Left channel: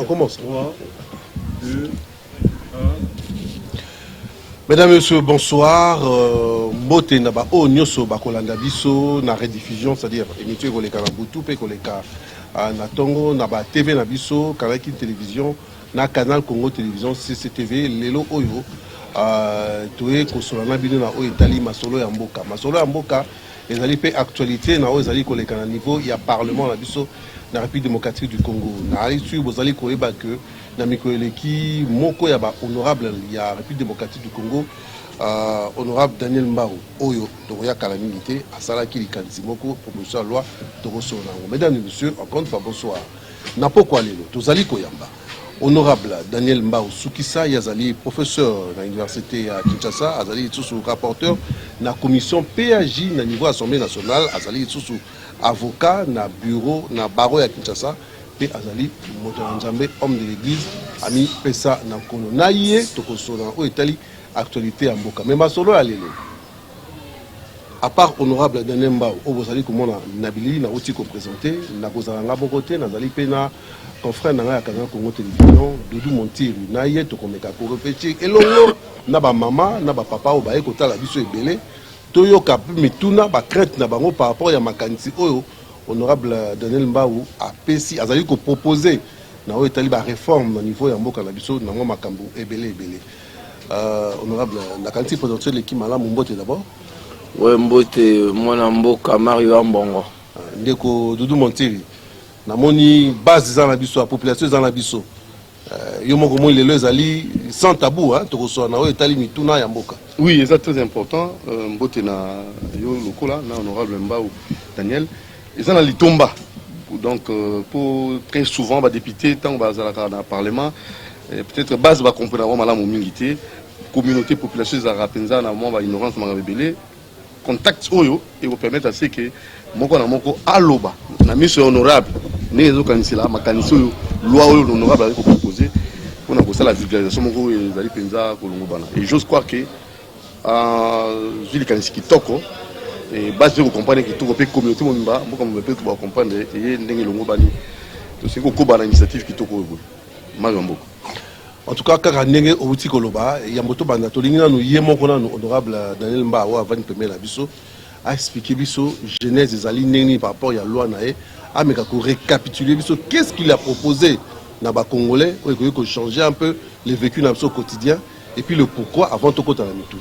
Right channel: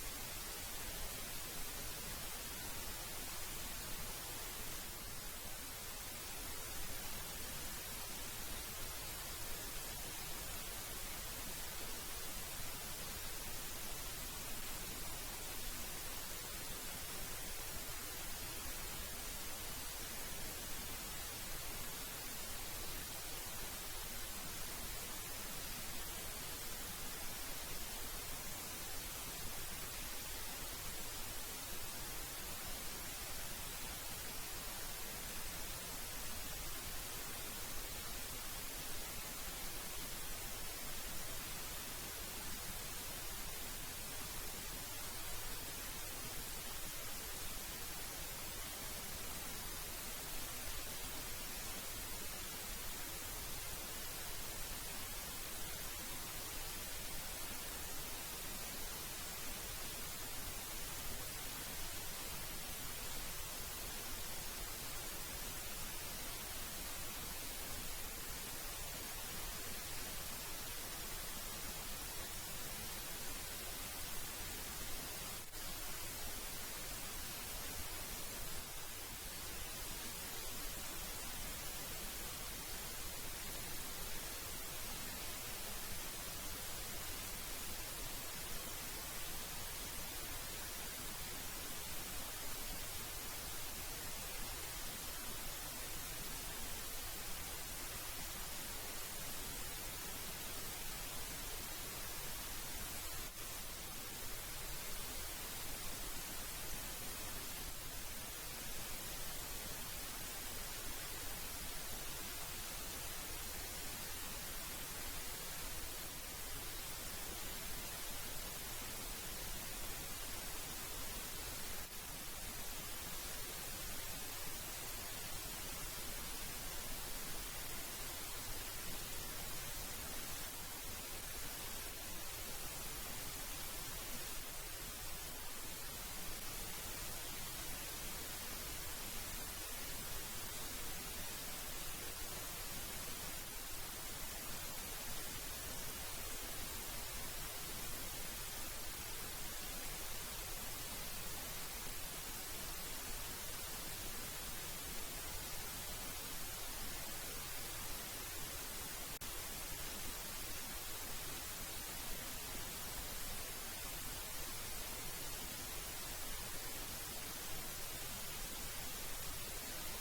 On commence. 3, 2, 1. Mesdames et messieurs, bonsoir. Mbote naba o nyoso bakolanda biso na rediffusion, c'est-à-dire émission koleka na butu pe koleka na tongo na ba TV na biso, Kanaki télévision na Canal Congo télévision CCTV lelo oyo toye kosolana bino na oyo etali masolo ya mboka. Masolo ya mboka ezali pe actualité na oyo ezali koleka na niveau ya parlement na biso na République démocratique du Congo. Na isu bozali koyeba que na mikoeleki moko ya ba honorable ya République démocratique du Congo, honorable Daniel Mbao oyo toya calamité asalaki likanisi moko proposition de loi tokosona. Mesdames et messieurs, encore une fois bonsoir. Na pokwa lelo tozali koyamba honorable Daniel Mbao Sukisa yazali professeur na université à Kinshasa, azali sous rapporteur na commission PAJ na niveau Assemblée nationale, azali sous avocat na bureau na barreau ya Kinshasa pe azali moto na Nzambe homme de l'église ami pesa na kono na ye tokosona o etali actualité ya mboka. Mais masolo ya lelo à part honorable Daniel Mbao o bozali komona nabili na oti ko présenter na kozala nga bokote nazali pe na confrère na nga ya Canal Congo télévision Doudou Montiri na ye tokomeka ko réfléchir elongo na ba mama na ba papa o baye kotala biso ebele toyoka mituna ba crainte na bango par rapport ya makanisi oyo honorable Daniel Mbao a pesi azali ko proposer na oyo etali ba réforme na niveau ya mboka na biso na makambo ebele ebele. Honorable la qualité présenter l'équipe malamu mbote d'abord. Ouais, mbote mwana mboka Mario Ambongo. Ndeko Doudou Montiri. Namoni base za na biso, la population za na biso. Yo moko mo lelo ezali sans tabou hein, tokoso na oyo etali mituna ya mboka. Oui, c'est très important. Mbote na yo lokola na honorable Mbao Daniel. Ils sont dans l'itomba. Donc pour très souvent ba député tant ba za na parlement peut-être base va comprendre malamu mingité communauté population za rapenza na mo ba ignorance mangabelé contact oyo et vous permettre à ce que moko na moko aloba na mission honorable ne zo kanisela makanisi oyo loi oyo honorable a proposé pour na kosa la vulgarisation moko ezali penza kolongo bana et j'ose croire que zili kanisi kitoko et base de comprendre que tout le communauté moniba moko mo peut ba comprendre et ndenge longo bani to c'est ko ba na initiative kitoko Mario Mboko. En tout cas, quand ndenge outi koloba ya moto banda to lingi nanu ye moko nanu honorable Daniel Mbao avant de permettre la biso a expliqué biso genèse des alinéni par rapport à la loi nae a meka ko récapituler biso qu'est-ce qu'il a proposé na ba congolais pour changer un peu le vécu na biso quotidien et puis le pourquoi avant to kota na mitu.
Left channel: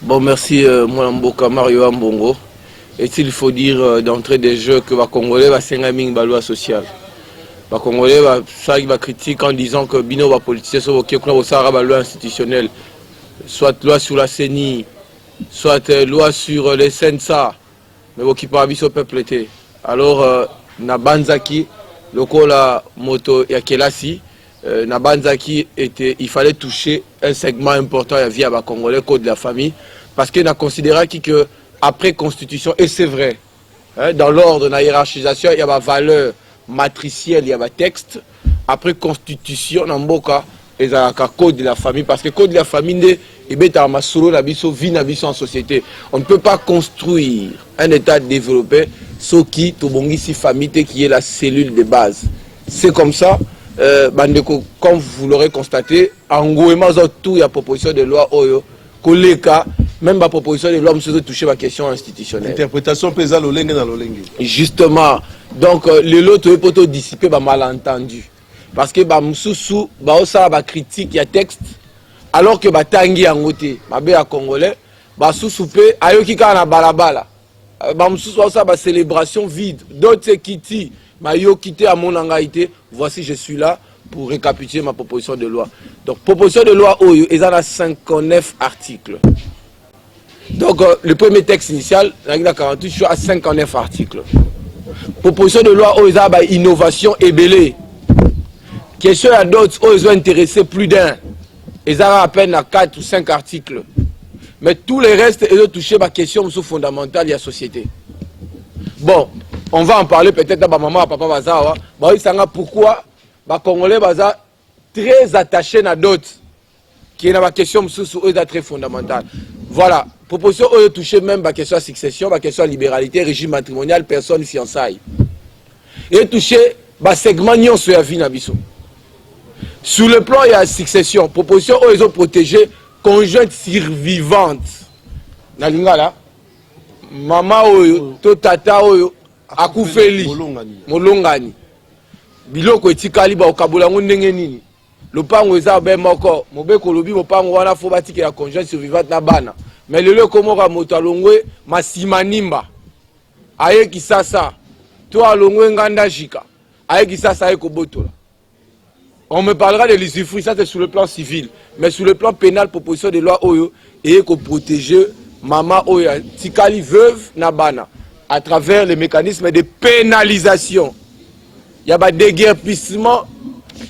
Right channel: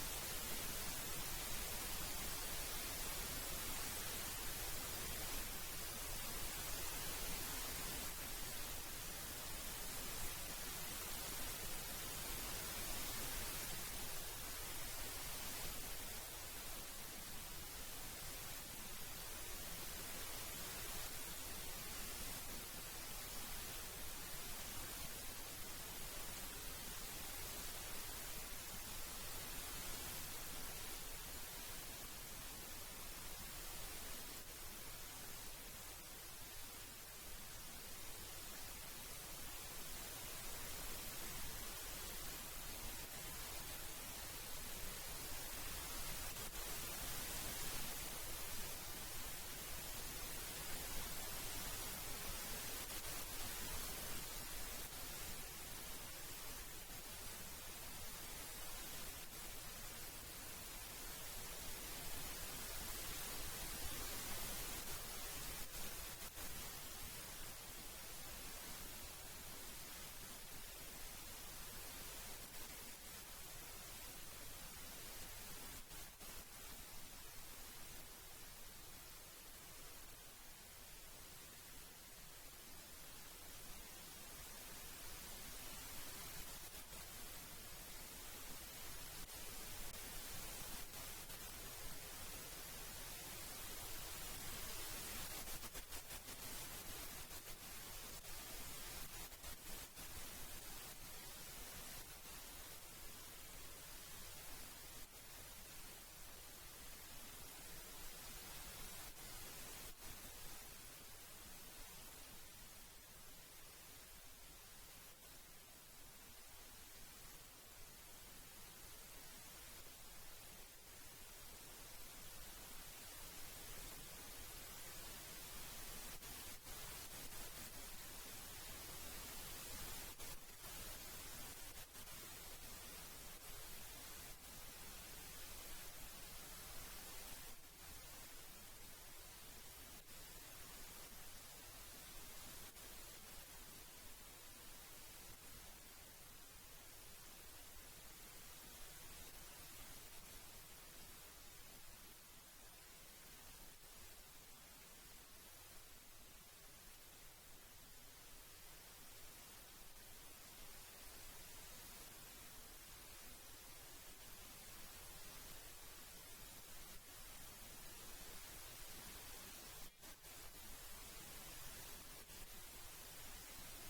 Bon, merci mwana mboka Mario Ambongo. Et il faut dire d'entrée des jeux que les Congolais va s'engager la loi sociale. Les Congolais va critiquer en disant que bino va politiciens sont ok qu'on a la loi institutionnelle, soit loi sur la CENI, soit loi sur les SENSA, mais qui parle au peuple été. Alors na banzaki lokola moto ya kelasi na banzaki était il fallait toucher un segment important de la vie à les Congolais code de la famille parce qu'on a considéré que après constitution et c'est vrai hein, dans l'ordre de la hiérarchisation il y a ma valeur matriciel, il y a un texte. Après constitution, dans Mboka, il y a un code de la famille. Parce que le code de la famille, il y a un solo, vie en société. On ne peut pas construire un État développé sans qui, si famille, qui est la cellule de base. C'est comme ça, comme vous l'aurez constaté, en gros, il y a proposition de loi, même la proposition de loi, nous toucher la question institutionnelle. Interprétation pesale au lengue dans le lengue. Justement, donc le lot peut dissiper le malentendu. Parce que Moussou, ça critique il texte, alors que Tangi en côté, ma congolais, Moussou peut ayoki na balabala. Moussou ça célébration vide. D'autres qui mayo quitté à mon angaïté, voici je suis là pour récapituler ma proposition de loi. Donc proposition de loi Oyo, ils en a 59 articles. Donc le premier texte initial, il a 48 à 59 articles. Proposition de loi aux innovation et belé. Question à d'autres, ils ont intéressé plus d'un. Ils ont à peine à 4 ou 5 articles. Mais tous les restes, ils ont touché la question fondamentale de la société. Bon, on va en parler peut-être à maman, à papa Bazawa. Pourquoi les Congolais sont très attachés à d'autres qui est la question très fondamentale. Voilà. Proposition de toucher même la question de succession, la question de libéralité, régime matrimonial, personne fiançailles. Et toucher le segment sur la vie. Sur le plan, il y a succession. Proposition, ils ont protégé conjointe survivante. Na lingala. Mama oyo, to tata oyo, akufeli. Molongani. Biloko etikali ba okabola ndenge nini. Lopango eza be moko. Mobeko lobi mopango wana fo batiki ya conjointe survivante na bana. Mais le komo ka moto alongwe masimanimba. Aye kisasa. To alongwe nganda jika. Aye kisasa aye kobotola. On me parlera de l'usufruit, ça c'est sur le plan civil. Mais sur le plan pénal, proposition de loi Oyo, et qu'on protéger maman Oyo, tikali veuve nabana, à travers les mécanismes de pénalisation. Il y a des déguerpissement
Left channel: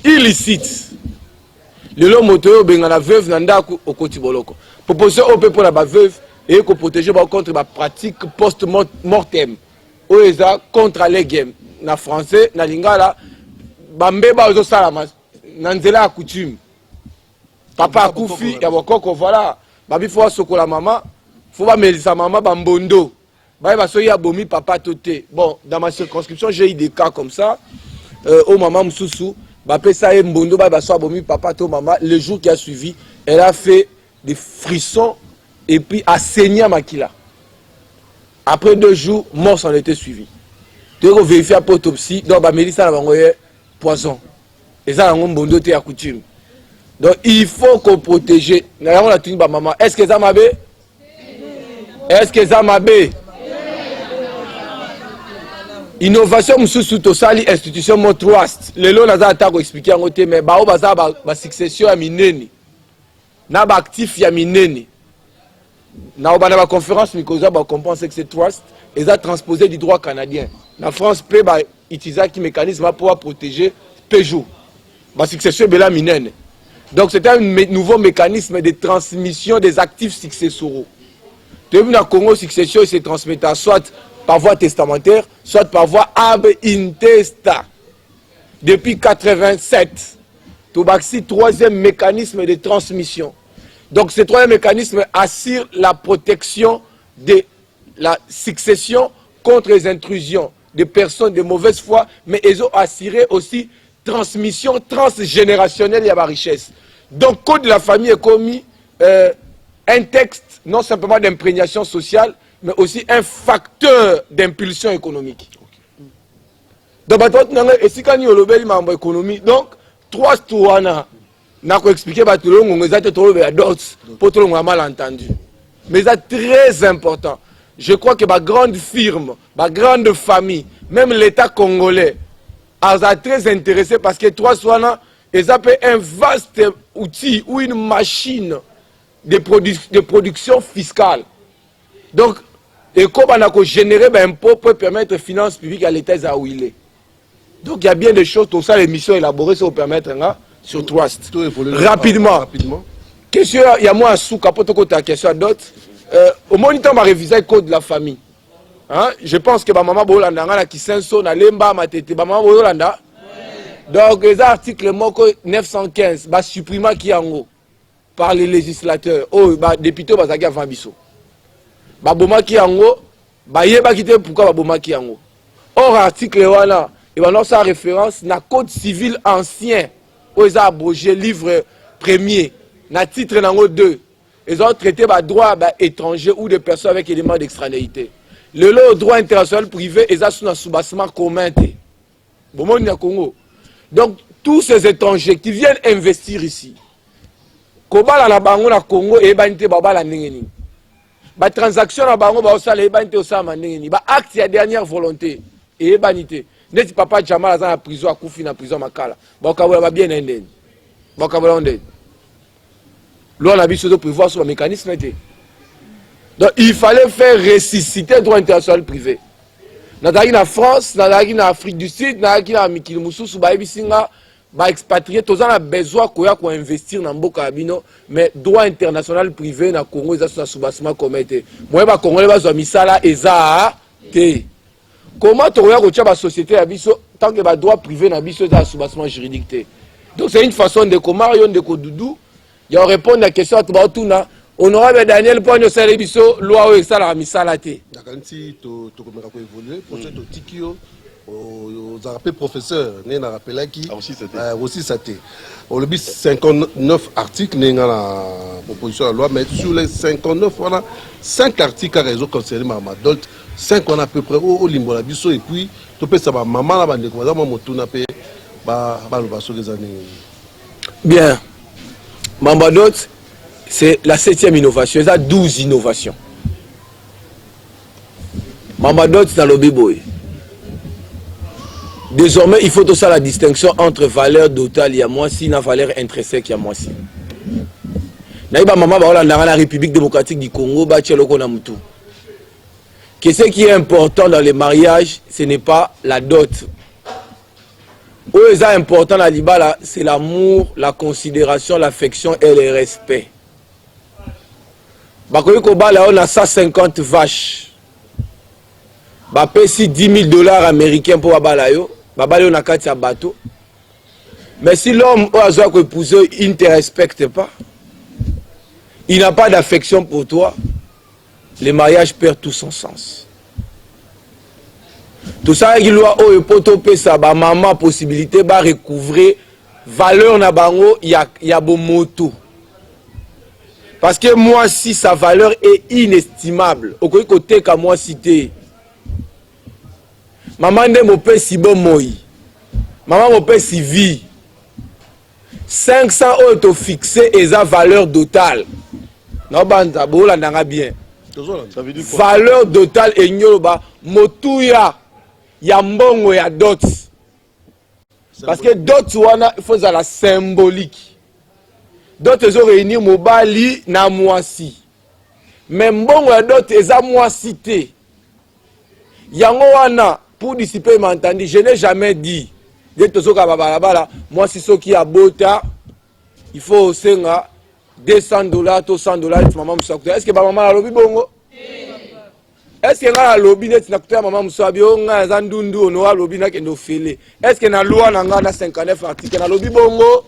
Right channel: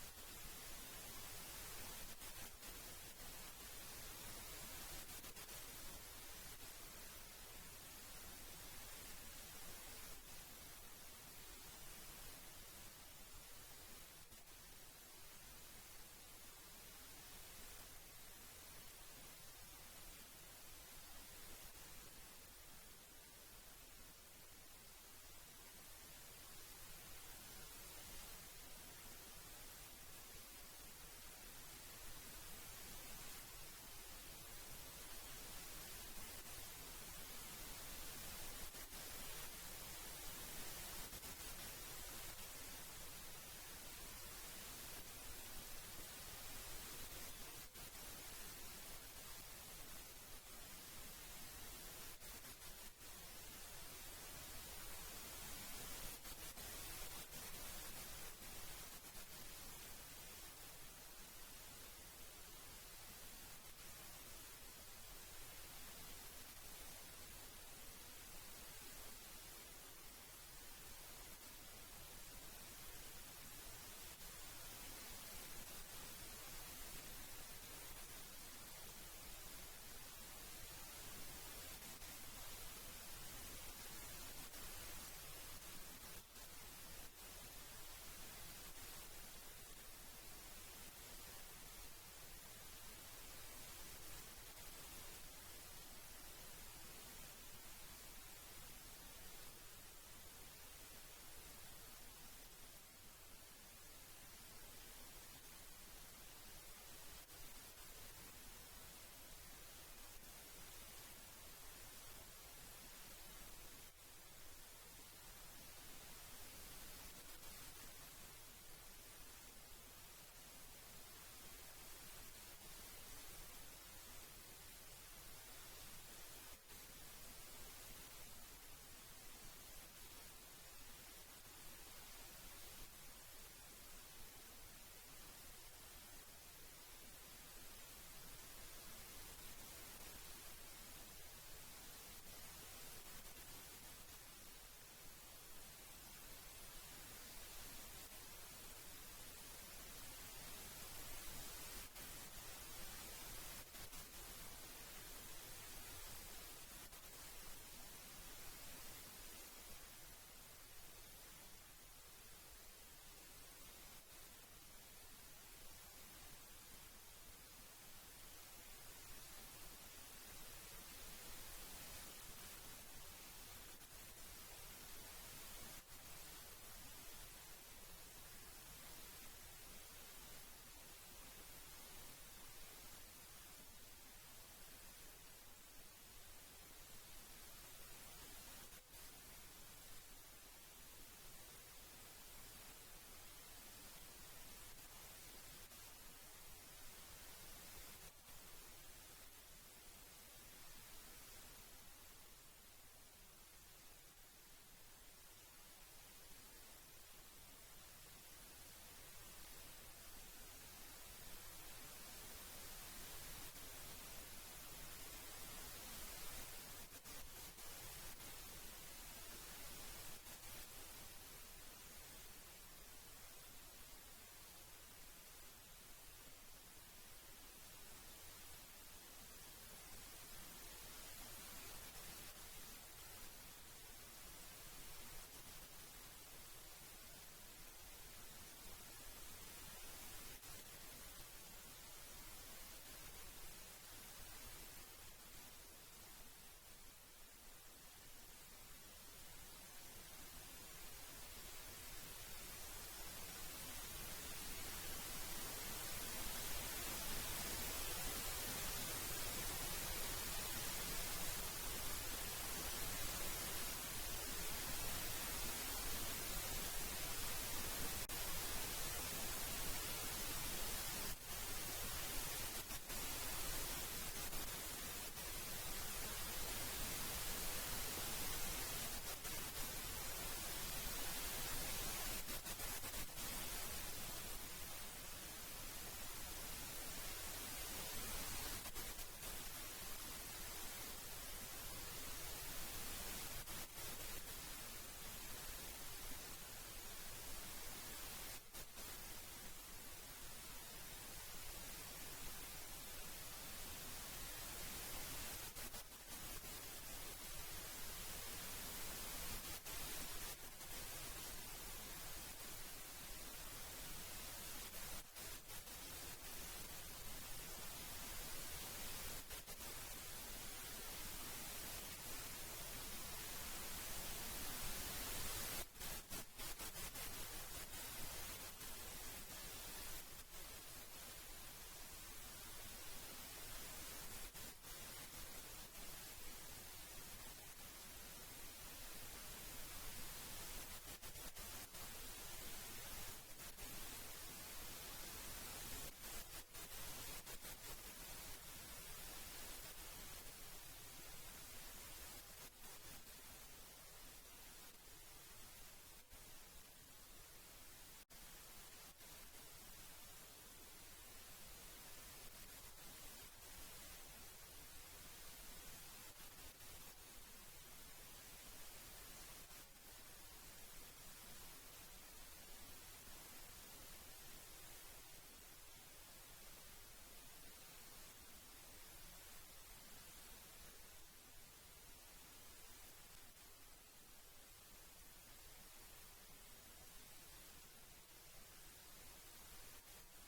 illicite. Le long moto benga la veuve nanda au kotiboloko. Proposition Oyo pour la veuve et qu'on protéger contre la pratique post-mortem. Oyo contre les games. Na français, na lingala, bambeba ozo salama. Nanzela a coutume. Papa a koufi, ya bokoko, voilà. Babi faut sokola maman, faut pas melisa maman bambondo. Babi baso ya bomi papa toté. Bon, dans ma circonscription, j'ai eu des cas comme ça. Au maman msusu, babi ça y mbondo, babi baso bomi papa to maman. Le jour qui a suivi, elle a fait des frissons et puis a saigné à Makila. Après 2 jours, mort s'en était suivi. Tu as vérifié à l'autopsie, donc babi melisa la bangoye poison. Et ça, on a à coutume. Donc, il faut qu'on protège. Est-ce que ça m'a bé? Est-ce que ça m'a bé? Innovation, sous tosali institution mon trust. Le lot n'a pas expliqué en côté, mais bao baza ba succession à mineni. Na ba actif ya mineni. Na ba conférence mikoza ba comprendre que c'est trust et ça transposé du droit canadien. La France peut ba utiliser qui mécanisme pour protéger Peugeot. Ma succession est bella minenne. Donc c'est un nouveau mécanisme de transmission des actifs successoraux. Tu as vu dans le Congo, succession se transmet soit par voie testamentaire, soit par voie ab intesta. Depuis 1987, tu as le 3e mécanisme de transmission. Donc ce 3e mécanisme assure la protection de la succession contre les intrusions de personnes de mauvaise foi, mais ils ont assuré aussi transmission transgénérationnelle, il y a la richesse. Donc, code de la famille est commis un texte non simplement d'imprégnation sociale, mais aussi un facteur d'impulsion économique. Donc, et si quand il y a le économie, donc, 3 tours, n'a pas expliqué pour tout le monde mal entendu. Mais c'est très important. Je crois que ma grande firme, ma grande famille, même l'État congolais, est très intéressé parce que 3 soignants, ils ont un vaste outil ou une machine de production fiscale. Donc, et comme on a généré un impôt pour permettre les finances publiques à l'État où il est. Donc, il y a bien des choses, tout ça, les missions élaborées, ça va permettre sur Trust. Rapidement. Question, il y a moi un sous capot à question d'autres. Au moniteur m'a révisé le code de la famille. Hein? Je pense que ma maman Bolanda qui s'inso na lemba matete maman Bolanda. Donc les articles 915 ba supprimer qui en par les législateurs. Oh ba député bazaki avant biso. Ba boma ki yango ba yeba kité pourquoi ba boma ki yango. Or article wana et ba non sa référence na code civil ancien aux abrogé livre premier na titre nango 2. Ils ont traité ba droit ba étranger ou des personnes avec éléments d'extranéité. Le droit international privé est un soubassement commun. Donc, tous ces étrangers qui viennent investir ici, comment la bango na Congo et banité baba la nengeni. Ba transaction na bango ba osala e banité osama nengeni. Ba acte ya dernière volonté et banité. Neti papa Jamal dans la prison à Koufi na prison makala. Ba okabola ba bien ndeni. Ba okabola ndeni. L'on a besoin de prévoir sur le mécanisme. Donc il fallait faire ressusciter le droit international privé. Dans la France, dans l'Afrique du Sud, dans Mikili Moussou, ba expatrié, tous on a besoin qu'on investir dans Mboka Abino, mais droit international privé na Congo ils sont soubassement commetté. Moi ba Congolais ba zo misala eza te. Comment tu regardes la société à biso tant que ba droit privé na biso dans soubassement juridique te. Donc c'est une façon de comment yon de Kodoudou, il répondre à la question à tout na honorable Daniel Pogno Salebiso, loi ou ça la misala te. D'accord, si tu commences à évoluer, prochain to tikio aux rappelé professeur, né na rappelé qui aussi c'était. On le dit 59 articles dans la proposition de loi, mais sur les 59 voilà 5 articles à réseau concernant ma adulte, 5 on a à peu près au limbo la biso et puis tu peux savoir maman la bande quoi ça mon tourne pe ba le basso des années. Bien. Mambadot, c'est la 7e innovation, il y a 12 innovations. Mambadot dans le biboy. Désormais, il faut tout ça la distinction entre valeur totale et moi si la valeur intrinsèque et moi si. Naïba maman ba dans la République démocratique du Congo ba tcheloko na mutu. Que ce qui est important dans les mariages, ce n'est pas la dot. Où est important la libala, c'est l'amour, la considération, l'affection et le respect. Bakoyi ko ba là on a 150 vaches. Ba pesi $10,000 américains pour babala yo. Babale on a kati ya bateau. Mais si l'homme a besoin que épouser, il ne te respecte pas, il n'a pas d'affection pour toi, le mariage perd tout son sens. Tout ça, il doit au ça, maman possibilité de recouvrir valeur na bango, il y a bon moto. Parce que moi si sa valeur est inestimable, au côté qu'à moi cité. Maman ne m'opère si bon moi. Maman m'opère si vie. 500 euros fixé et sa valeur totale. Non, banta, bola nanga bien. Ça veut dire quoi? Valeur totale et nyoloba motuya ya mbongo ya dot. Parce que dot wana il faut la symbolique. Dot ezo réunir mobali na mwasi. Mais mbongo ya dot eza mwasi te. Yango wana pour dissiper m'entendre, je n'ai jamais dit. Moi, si ce qui a bota, il faut aussi $200, $100, maman Moussa. Est-ce que maman a lobby bongo? Est-ce que la lobby net na kuta maman Moussa bio nga zandundu ono a lobby na kendo fele? Est-ce que na loi na nga na 59 articles na lobby bongo?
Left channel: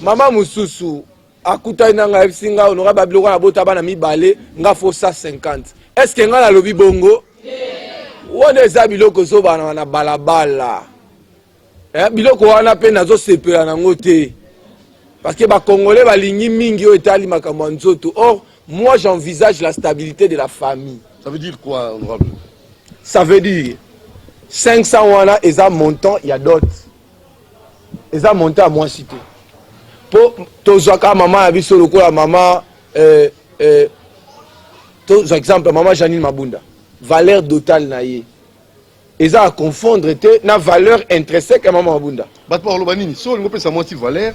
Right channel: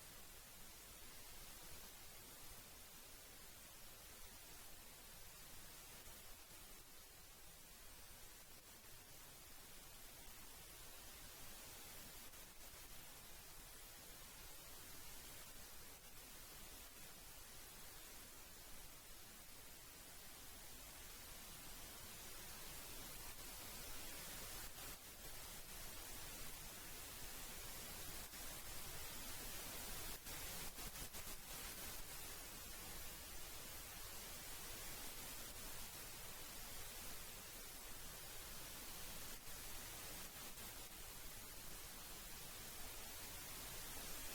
Maman Moussousou akuta ina nga singa ono ba biloko na bota bana mibale nga fo 150. Est-ce que nga la lobby bongo? On est à biloko so bana na balabala. Biloko wana pe nazo sepela na ngote. Parce que ba Congolais ba lingi mingi o etali makambo nzoto. Or, moi j'envisage la stabilité de la famille. Ça veut dire quoi, honorable? Ça veut dire 500 wana eza montant, il y a d'autres. Eza montant à moi cité. Pour tozaka maman abiso lokola maman par exemple maman Janine Mabunda. Valeur totale naïe. Ils ont à confondre na valeur intrinsèque à maman Mabunda. Bat par lobanini, so on peut sa moitié valeur.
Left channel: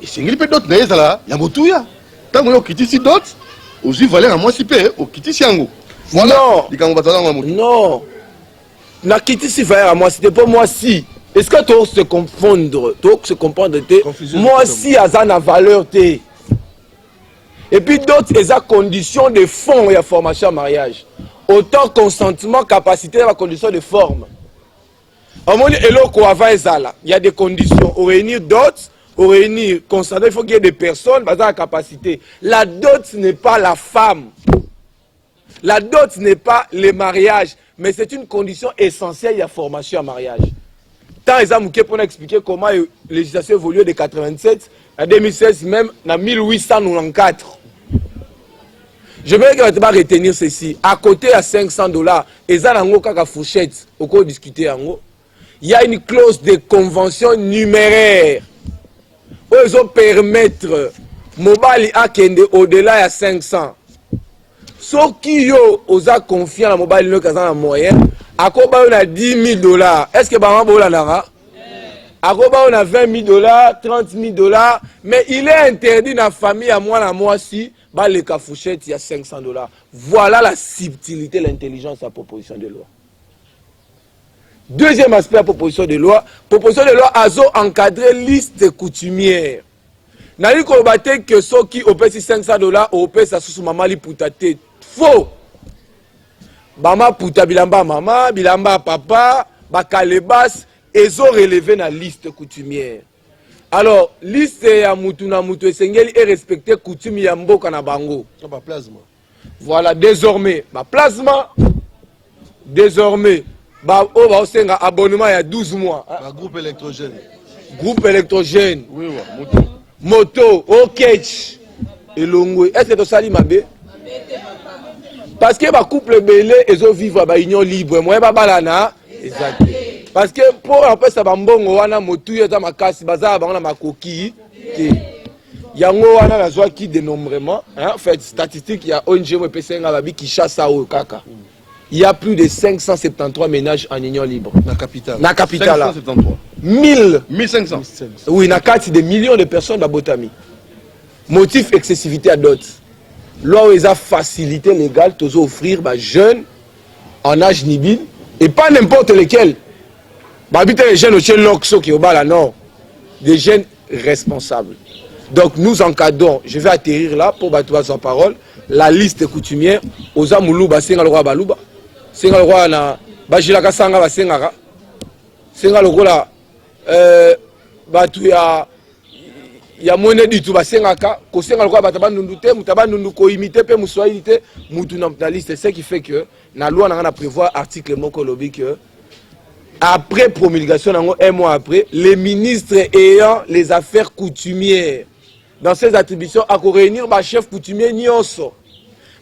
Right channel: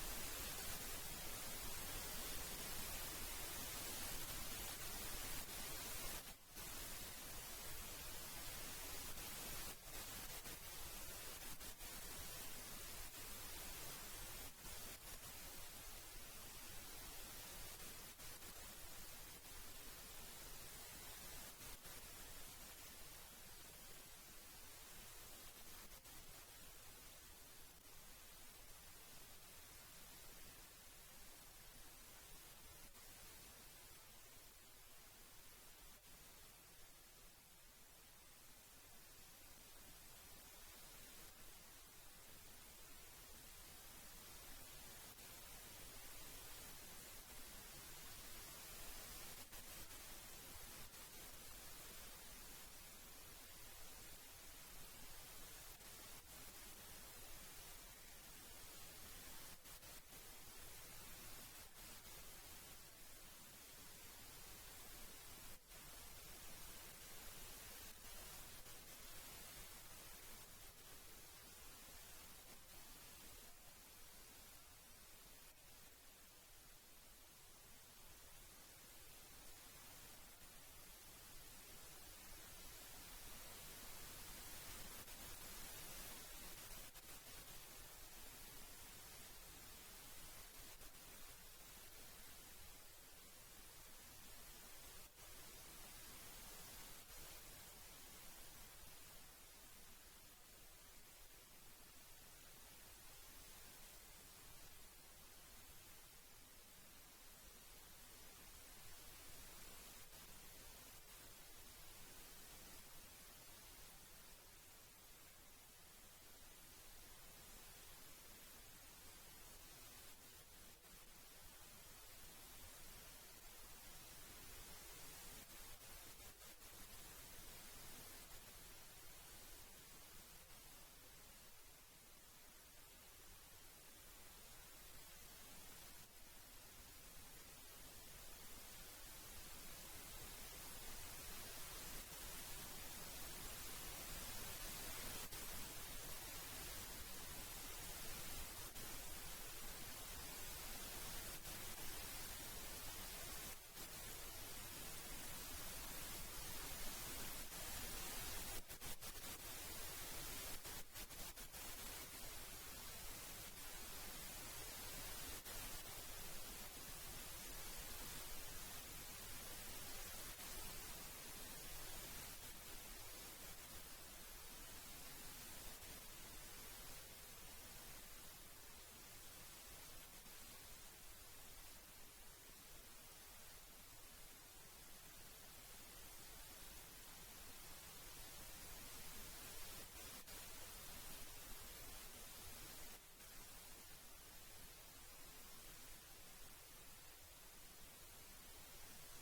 Et c'est une d'autres naïe là, ya motuya. Tant que kiti si d'autres, aussi valeur à moi si pe, au kiti si ango. Voilà. Non. Na kiti si valeur à moi, c'était pas moi si. Est-ce que tu os se confondre, tu os se comprendre moi si a na valeur té. Et puis d'autres, ils ont conditions de fond et la formation en mariage. Autant consentement, capacité, la condition de forme. Au moins, il y a des conditions. Au réunir d'autres, au réunir consentement, il faut qu'il y ait des personnes basées à la capacité. La dot n'est pas la femme. La dot n'est pas le mariage. Mais c'est une condition essentielle de la formation en mariage. Tant ils ont pour expliquer comment la législation évolue de 87 à 2016, même en 1894. Je veux que tu vas retenir ceci. À côté à $500, et ça n'a pas fourchette au cours discuter il y a une clause de convention numéraire où ils ont permettre mobile à kende au-delà de 500. Ceux qui ont confiance dans mobile le cas en moyen, à quoi on a $10,000. Est-ce que maman bola nara? À quoi on a $20,000, $30,000, mais il est interdit dans la famille à moi si. Les cafouchettes, il y a $500. Voilà la subtilité, l'intelligence de la proposition de loi. Deuxième aspect de la proposition de loi a encadré liste coutumière. Nali kolobate que ceux qui ont payé $500 ont payé ça sous maman li putate. Faux. Bama puta bilamba maman, bilamba papa, bakalebas, ils ont relevé la liste coutumière. Alors, liste ya mutu na mutu esengeli est respecté coutume ya mboka na bango. Plasma. Voilà, désormais, plasma, désormais on va aussi un abonnement il y a 12 mois. Groupe électrogène. Groupe électrogène. Oui, oui, moto, ok. Et l'ongwe. Est-ce que tu sali mabe? Parce que les couples belé, ils ont vivre à union libre. Moi, je balana. Exact. Parce que pour après ça, bambongo wana motu ya ma kasi baza bana makoki. Yango wana la joie qui dénombrement. En fait, statistique, il y a ONG ou PCNA babi qui chasse à kaka. Il y a plus de 573 ménages en union libre. La capitale. La capitale. 573. 1500. Oui, il y a des millions de personnes dans Botami. Motif excessivité à d'autres. Là où ils ont facilité légale, ils ont offrir aux jeunes en âge nibile et pas n'importe lesquels. Les jeunes au Loxo qui au bas là, non. Des jeunes responsables. Donc nous encadrons, je vais atterrir là pour battre sans parole, la liste coutumière aux Amouluba, Senga le roi Balouba, Senga le roi na Bajilaka Sanga Sengara, Senga le roi là, ya monnaie du tout basengaka ko senga le roi bataba nundu te mutaba nundu ko imiter pe muswahili te mutu na liste, c'est ce qui fait que na loi na prévoir article moko lobi que après promulgation un mois après les ministres ayant les affaires coutumières dans ces attributions à réunir ba chef coutumier nyonso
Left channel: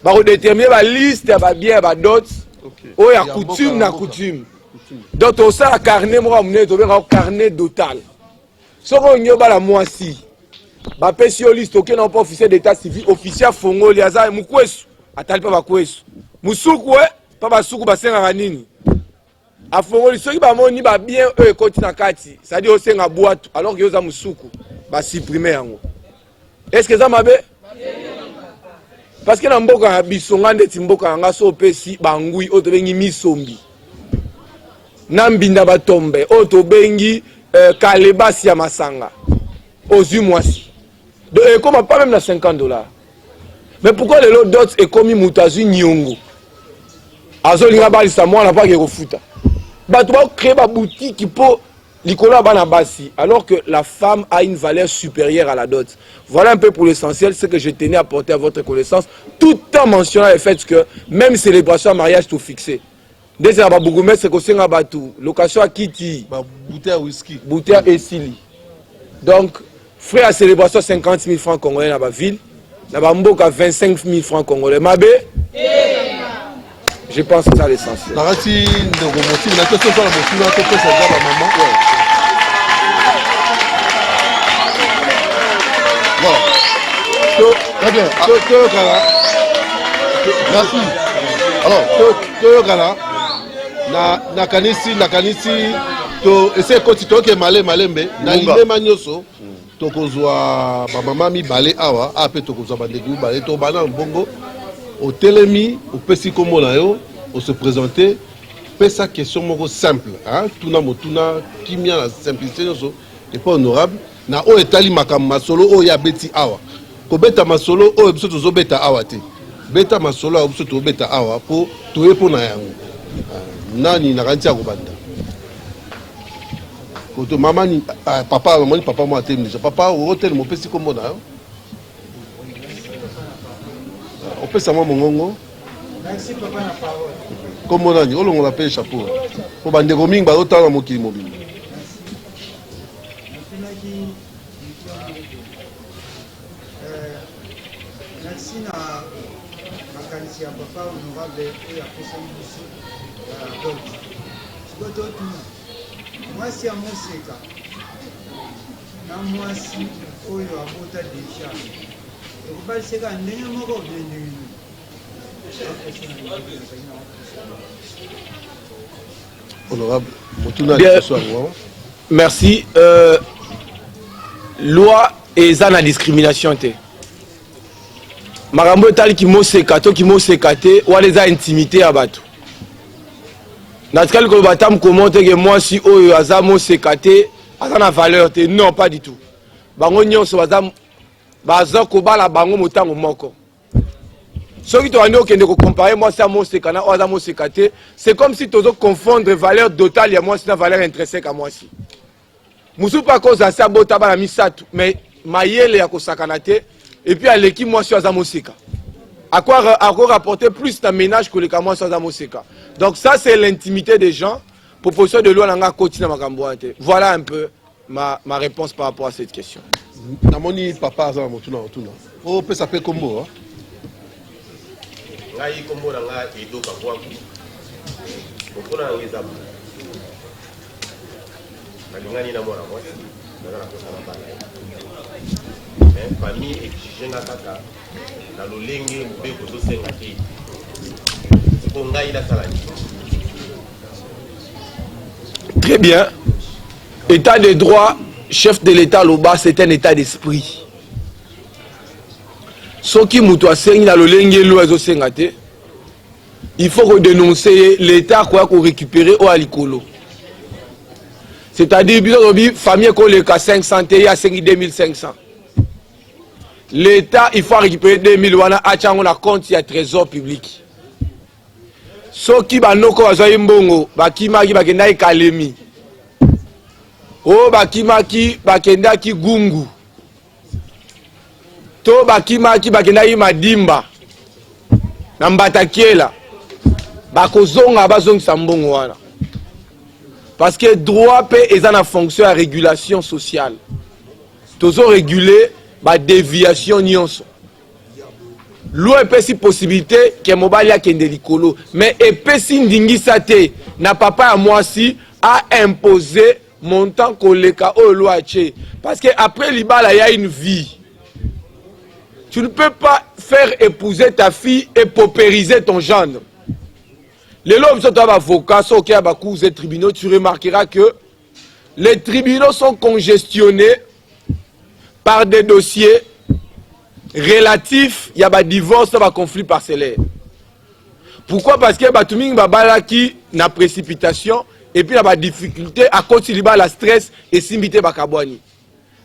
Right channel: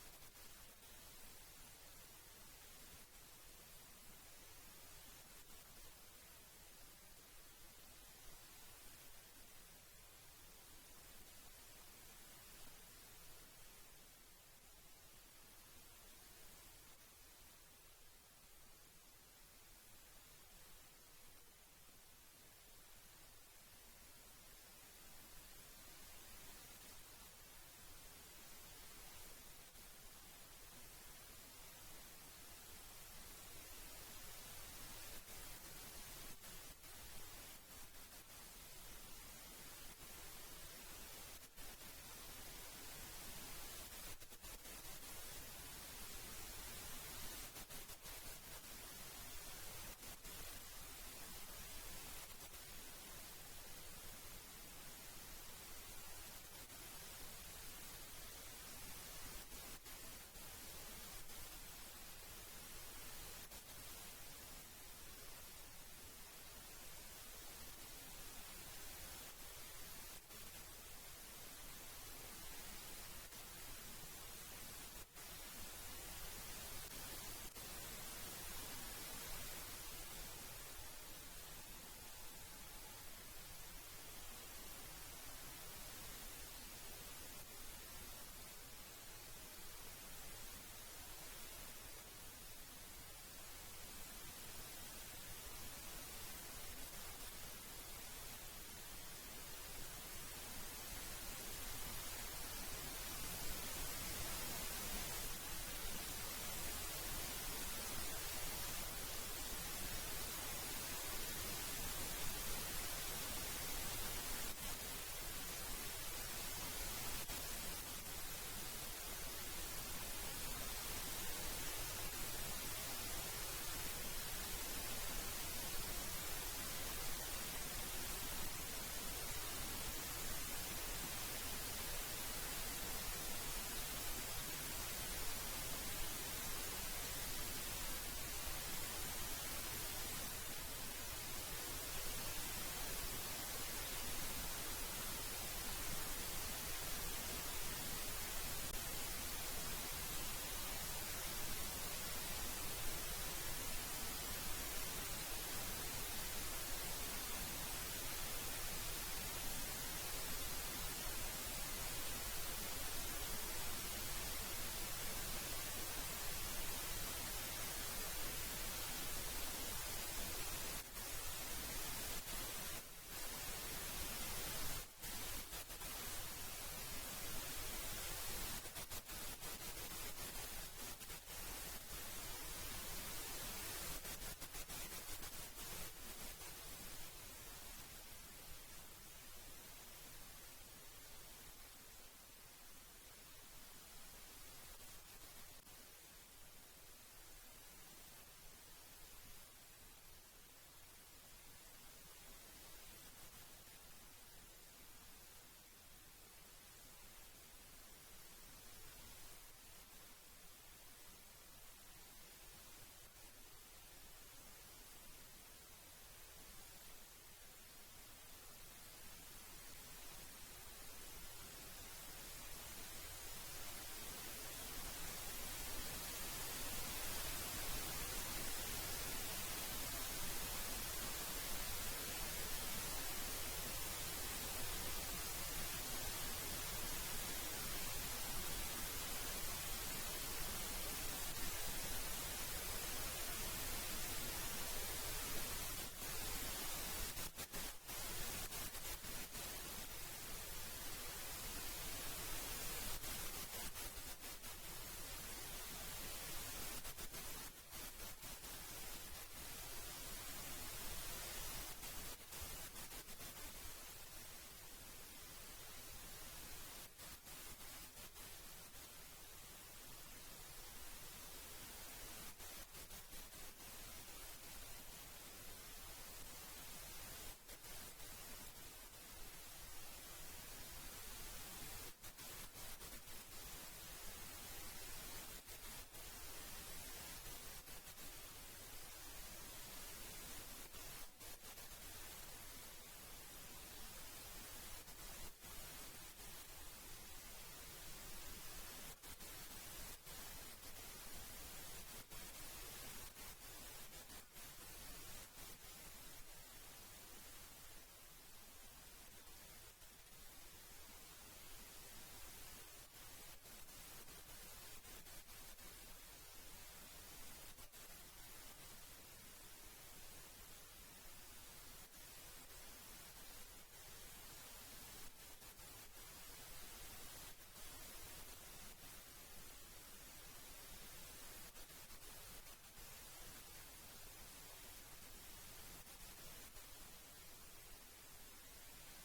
ba déterminer ba liste ba bien ba dot o ya coutume na coutume donc on ça carnet moi amener to bien carnet total soko nyoba la moisi ba pesio liste aucun non pas officier d'état civil officier fongo liaza mukwesu atali pa bakwesu musuku pa basuku basenga nini afongoli soki bamoni ba bien eux koti na kati ça dit osenga boîte alors que yoza musuku ba supprimer yango. Est-ce que ça mabe? Parce que na mboka bisonga ndeti mboka nga so pesi bangui oto bengi misombi na mbinda batombe oto bengi kalebasi ya masanga aux moisi donc comme pas même na $50. Mais pourquoi les lots d'autres est commis mutazu nyongo azolinga balisa mwana pa ke kofuta bato ba créer ba boutique pour Nicolas Banabasi, alors que la femme a une valeur supérieure à la dot. Voilà un peu pour l'essentiel ce que je tenais à porter à votre connaissance, tout en mentionnant le fait que même célébration à mariage tout fixé. Dès que vous avez c'est que c'est un bateau, location à Kitty, bouteille à whisky, bouteille et sili. Donc, frais à célébration 50 000 francs congolais dans la ville, dans la mboka 25 000 francs congolais. Mabé? Je pense que c'est ça l'essentiel. La racine de Romotif, la question sur la motive, la question sur la maman. Voilà. Très bien. Merci. Alors, nakanisi to essayer koti to ke malembe na limema nyoso to kozwa ba mama mi balé awa ape to kozwa bandegu balé to bana mbongo au telemi au pesi komona yo au se présenter pesa question moko simple hein tuna motuna kimia la simplicité nyoso et pas honorable na o etali makamba masolo o ya beti awa ko beta masolo o biso to zo beta awa te beta masolo o biso to beta awa po to yepo na yango nani na kantia ko banda ko to mama ni papa maman papa mo atemni papa o hotel mo pesi komona yo on peut savoir mon ngongo. Merci papa na parole. Comment on dit, on l'a payé chapeau. Pour bande roming ba autant na mokili mobile. Merci na makanisi ya papa honorable et après ça ici. Donc, c'est tout. Moi c'est à mon seka. Na moi si oyo abota déjà. Honorable, merci. Loi et ça la discrimination. Marambo tali qui mo sekato qui mo sekate ou les a intimité à bateau. Natkal ko batam comment que moi si oyo azamo sekate azana valeur te non pas du tout. Bango nyonso bazam baza kobala bango motango moko. Ce qui doit nous comparer moi c'est à mon sekana ou à mon sekate, c'est comme si tu dois confondre valeur totale et moi c'est une valeur intrinsèque à moi aussi. Musu pas cause à ça bota ba la misatu mais mayele ya kosakanate et puis aleki moi c'est à mon seka. À quoi rapporter plus de ménage que les camois sans amoseka. Donc ça, c'est l'intimité des gens. Proposition de loi nanga continue makamboate. Voilà un peu ma réponse par rapport à cette question. Namoni papa azala motuna otuna. Oh pe ça peut combo. Ngai combo nanga edo kakwaku. Okona ngeza. Alingani na mwana mwasi. Nanga nakosa na bana. Mais famille exige nga kaka. Na lolenge mbeko zo senga te. Ko ngai na salani. Très bien. État de droit, chef de l'État Loba, c'est un état d'esprit. Ce qui moutoua sengi na lolenge lo ezo senga te. Il faut dénoncer l'État quoi qu'on récupérer au alikolo. C'est-à-dire que famille ko le ka 500 te ya sengi 2500. L'État, il faut récupérer 2000 wana achango na compte ya trésor public. Soki banoko bazwa mbongo bakimaki bakenda Kalemi. O bakimaki bakenda ki Gungu. To bakimaki bakenda Madimba. Na Mbatakiela. Bakozonga bazongisa mbongo wana. Parce que droit pe eza na fonction ya régulation sociale. Tozo réguler ba déviation nyonso. Loi epesi possibilité que mobali akende likolo, mais epesi ndingisa te na papa ya mwasi a imposé montant koleka o loi che, parce que après libala il y a une vie. Tu ne peux pas faire épouser ta fille et paupériser ton gendre. Les lois sont avocats, sont qui a des tribunaux, tu remarqueras que les tribunaux sont congestionnés par des dossiers relatifs, il y a des divorces, des conflits parcellaires. Pourquoi? Parce que Batuming Babala qui n'a précipitation et puis il y a des difficultés à cause de la stress et simbité Bakabwani.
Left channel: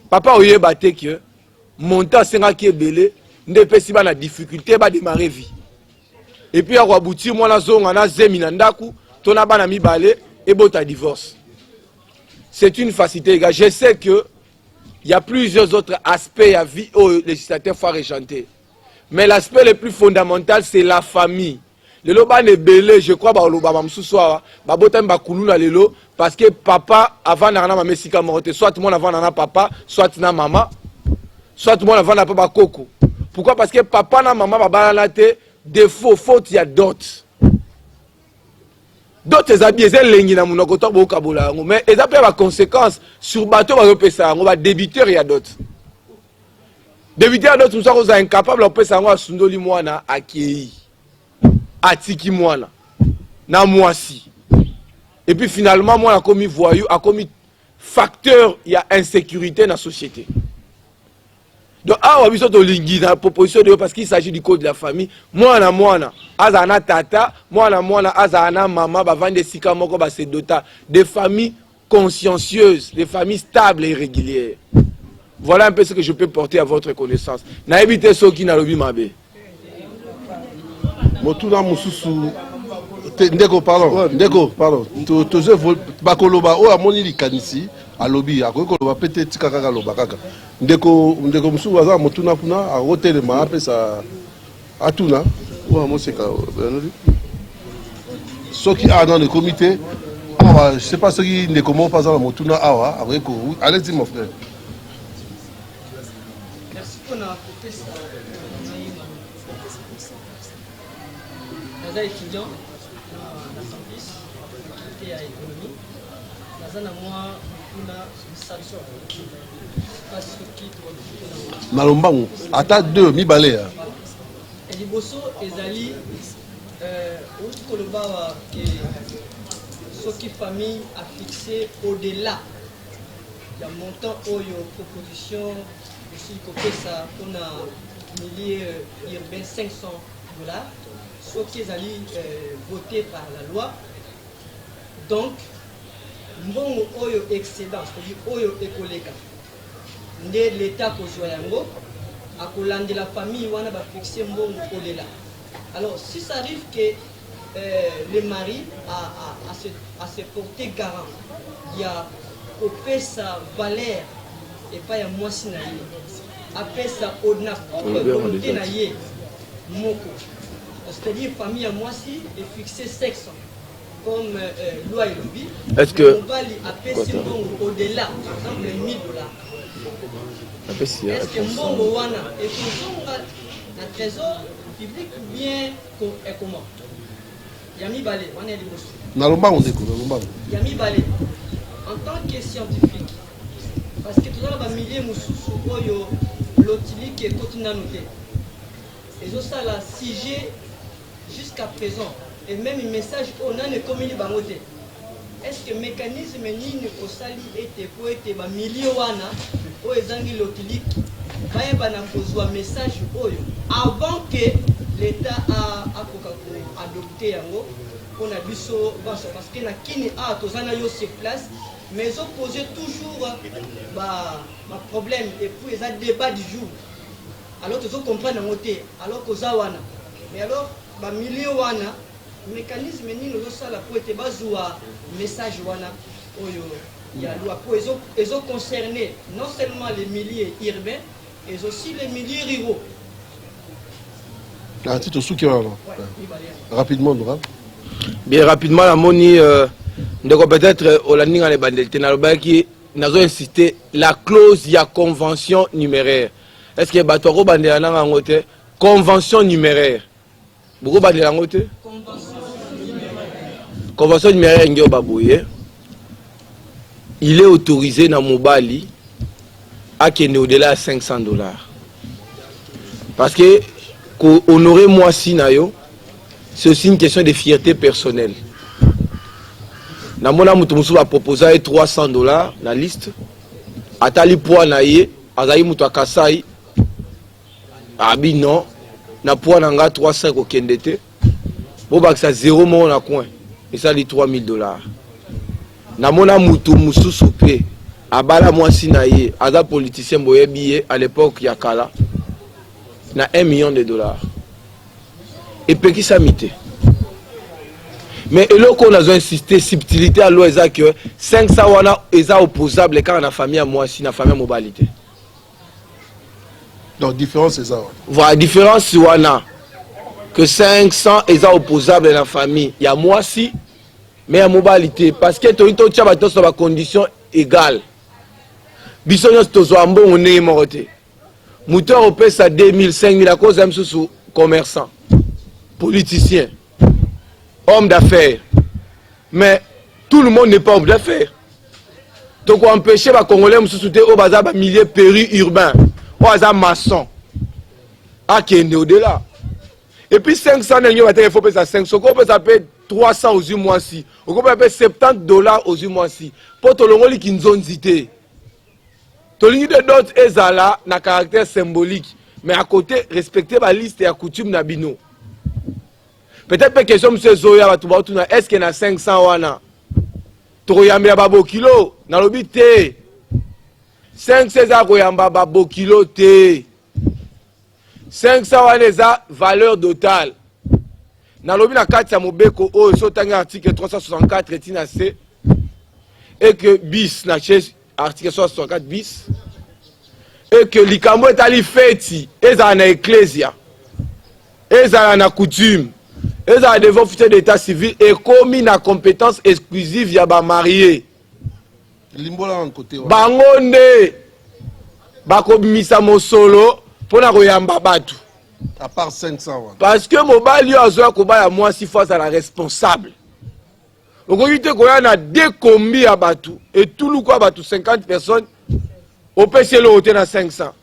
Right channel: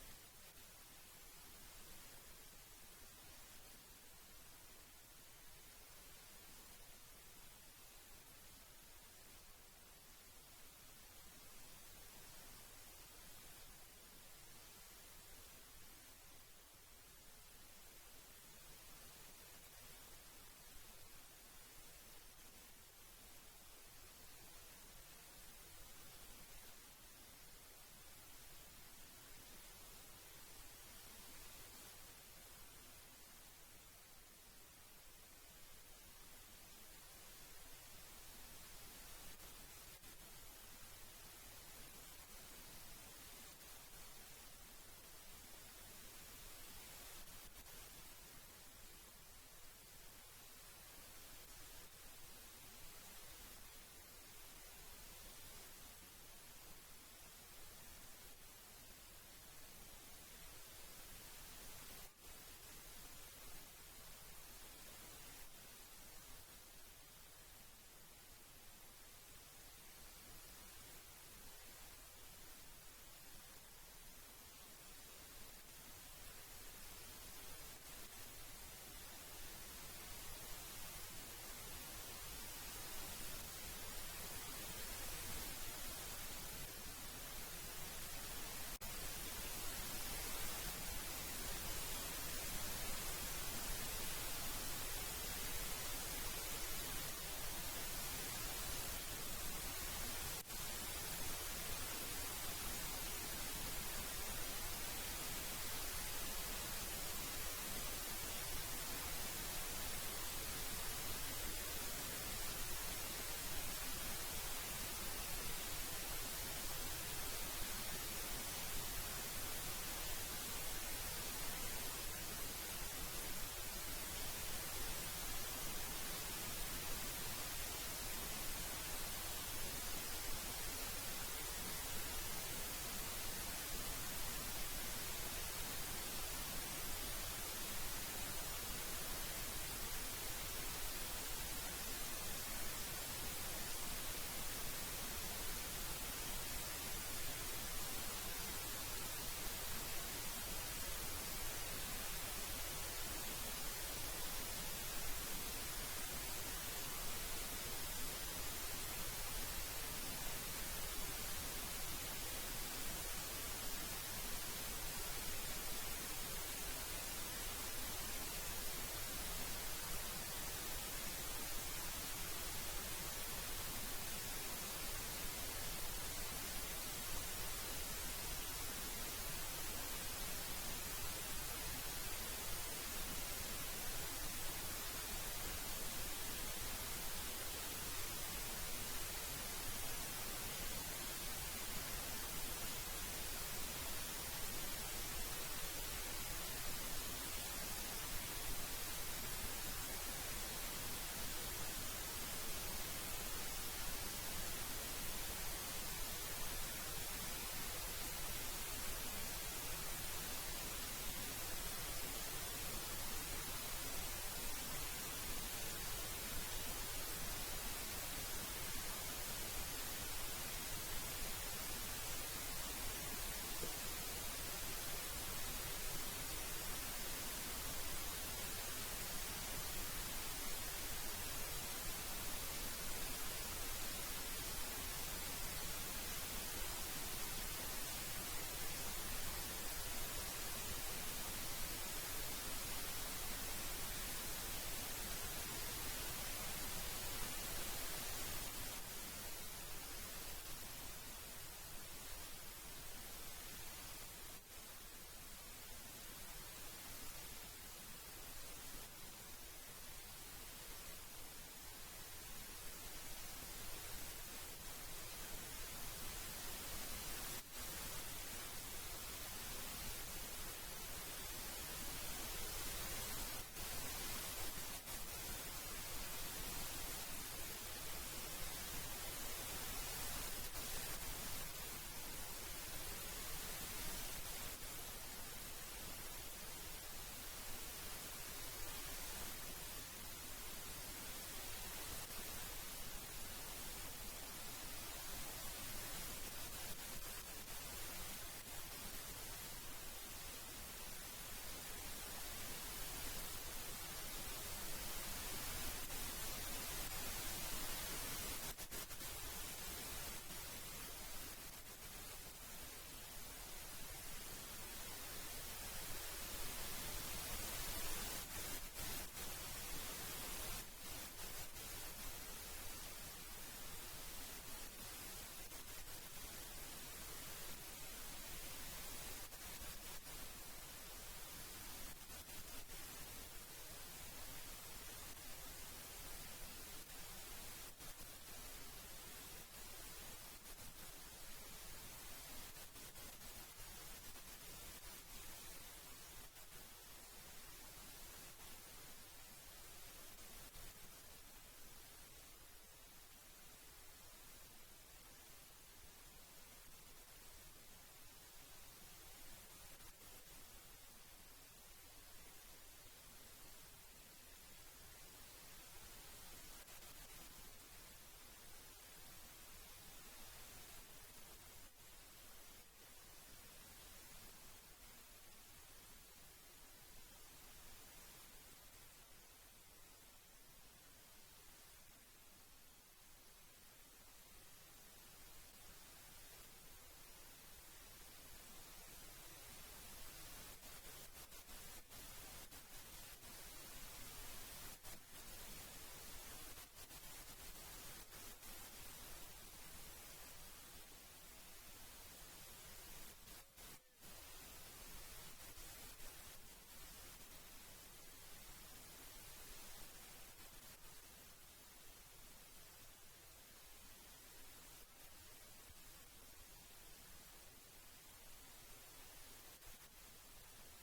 Papa oye bate que montant senga qui est belé, ne peut pas la difficulté ba démarrer vie. Et puis à Wabouti moi la zone na zeminandaku, ton abana mi balé et bota divorce. C'est une facilité, gars. Je sais que il y a plusieurs autres aspects à vie au législateur faut régenter. Mais l'aspect le plus fondamental, c'est la famille. Le loba ne belé, je crois, parce que papa, avant d'arriver à Messika Morote, soit tout le monde avant d'arriver papa, soit na maman, soit tout le monde avant d'arriver papa Coco. Pourquoi? Parce que papa na maman, baba na te, défaut, faute, il y a d'autres. D'autres habits, ils lengi na munokoto bokabola mais ils ont des conséquences sur bateau va repesa on va débiteur il y a d'autres. Débiteur d'autres nous sommes incapables de pesa ngo asundoli mwana akei. Atiki mwana na mwasi. Et puis finalement moi a commis voyou, a commis facteur il y a insécurité dans la société. Donc, ah, on a de lingi dans la proposition de parce qu'il s'agit du code de la famille. Moi, azana tata, moi, azana maman, bah, vendre des sikamoko, bah, c'est dota. Des familles consciencieuses, des familles stables et régulières. Voilà un peu ce que je peux porter à votre connaissance. Na évité ce qui n'a le mabe. Motuna mususu. Ndeko, pardon. Ndeko, pardon. Toze bakoloba, o amoni likanisi. Alobi akoloba pete tikaka loba kaka ndeko musu waza motuna kuna a hôtel ma pesa atuna wa moseka soki a dans le comité awa je sais pas ce qui ndeko mo pas dans motuna awa avec allez-y mon frère. Merci pour la proteste. Les étudiants la campus et à l'économie dans un mois Nalombango ata 2 mibale ya liboso ezali koloba que soki famille a fixé au-delà du montant oyo proposition aussi kopesa pour na milieu urbain $500 soki ezali voté par la loi donc mbongo oyo excédent c'est-à-dire oyo ekoleka nde l'état kozwa yango akolande la famille wana ba fixer mbongo olela. Alors si ça arrive que le mari a se porter garant il y a kopesa valeur et pas ya mwasi na ye apesa ona volonté na ye moko. C'est-à-dire famille à moi si est fixé sexe comme loi et lobby. Est-ce que on va appeler au-delà, par exemple $1000. Est-ce que mbongo wana est dans le trésor public ou bien comment? Yami Balé, on est libre. Yami Balé, en tant que scientifique, parce que tout à l'heure, il y a des milliers de l'otili qui est continué à noter. Et ça, la 6G jusqu'à présent, et même le message, on a une commune bangote. Est-ce que le mécanisme est au sali était pour être des milliers de gens l'otili qui ont un message avant que l'État a adopté on a vu ça parce que la kini a sur place mais ils ont posé toujours un problème et puis ils ont débat du jour alors ils ont compris alors que ça mais alors milliers de mécanisme ni nous ça la pour être bazua message wana ils ont concerné non seulement les milliers urbains mais aussi les milliers ruraux. Rapidement, Dora. Bien rapidement, la moni, peut-être au landing à les qui n'a insisté la clause y a convention numéraire. Est-ce que Batoro Bandéana a ngoté convention numéraire? Beaucoup Bandéana ngoté? Convention numéraire Ngyo Babouye. Il est autorisé dans Mobali à qu'il est au-delà de $500. Parce que honorer moi si nayo, c'est aussi une question de fierté personnelle. Namona Moutoumousou a proposé $300 dans la liste. Atali poa naye, Azaï Moutouakasai, Abi non, na poa nanga 300 au Kendete. Bon, bah, ça 0 mon na coin. Et ça dit $3000. Namona Moutoumousou soupé. Abala moi si naye, Aza politicien boye billet à l'époque Yakala. Na $1 million. Et puis qui s'amité. Mais là qu'on a insisté, subtilité à l'eau, c'est que 500 wana est opposable quand on a famille à moi, si on a famille à mobilité. Donc, différence c'est ça. Voilà, différence c'est que 500 est opposable dans la famille. Il y a moi si, mais à mobilité. Parce que tu as des conditions égales. Bisognos tozo ambo on est morté. Mouteur au pèse 2000, 5000 à cause d'un sous commerçant, politicien, homme d'affaires. Mais tout le monde n'est pas homme d'affaires. Donc on empêche les Congolais de se au bazar milieu périurbain, au hasard maçon, à qui est au-delà. Et puis 500 il faut payer 500, on peut payer 300 aux mois-ci, on peut payer $70 aux mois-ci. Pour tout le monde qui nous ont dit. Tolini de d'autres ezala na caractère symbolique, mais à côté respecter la liste et la coutume nabino. Peut-être que question monsieur Zoya va tout est-ce qu'il y a 500 wana? Toyambi ya babo kilo na lobi te. 500 za koyamba babo kilo te. 500 wana za valeur totale. Na lobi na kati ya mobeko o so tanga article 364 etina C et que bis na chez article 64 bis et que likambo est allé fêti et ça na ecclésia et ça na coutume et ça devant officier d'état civil et commis na compétence exclusive ya ba marié limbola en côté bangonde bako bimisa mosolo pona koyamba batu à part 500 parce que mobali azoya ko ba ya moi 6 fois à la responsable. On a deux combis à Batou et tout le quoi Batou 50 personnes au PC le hôtel à 500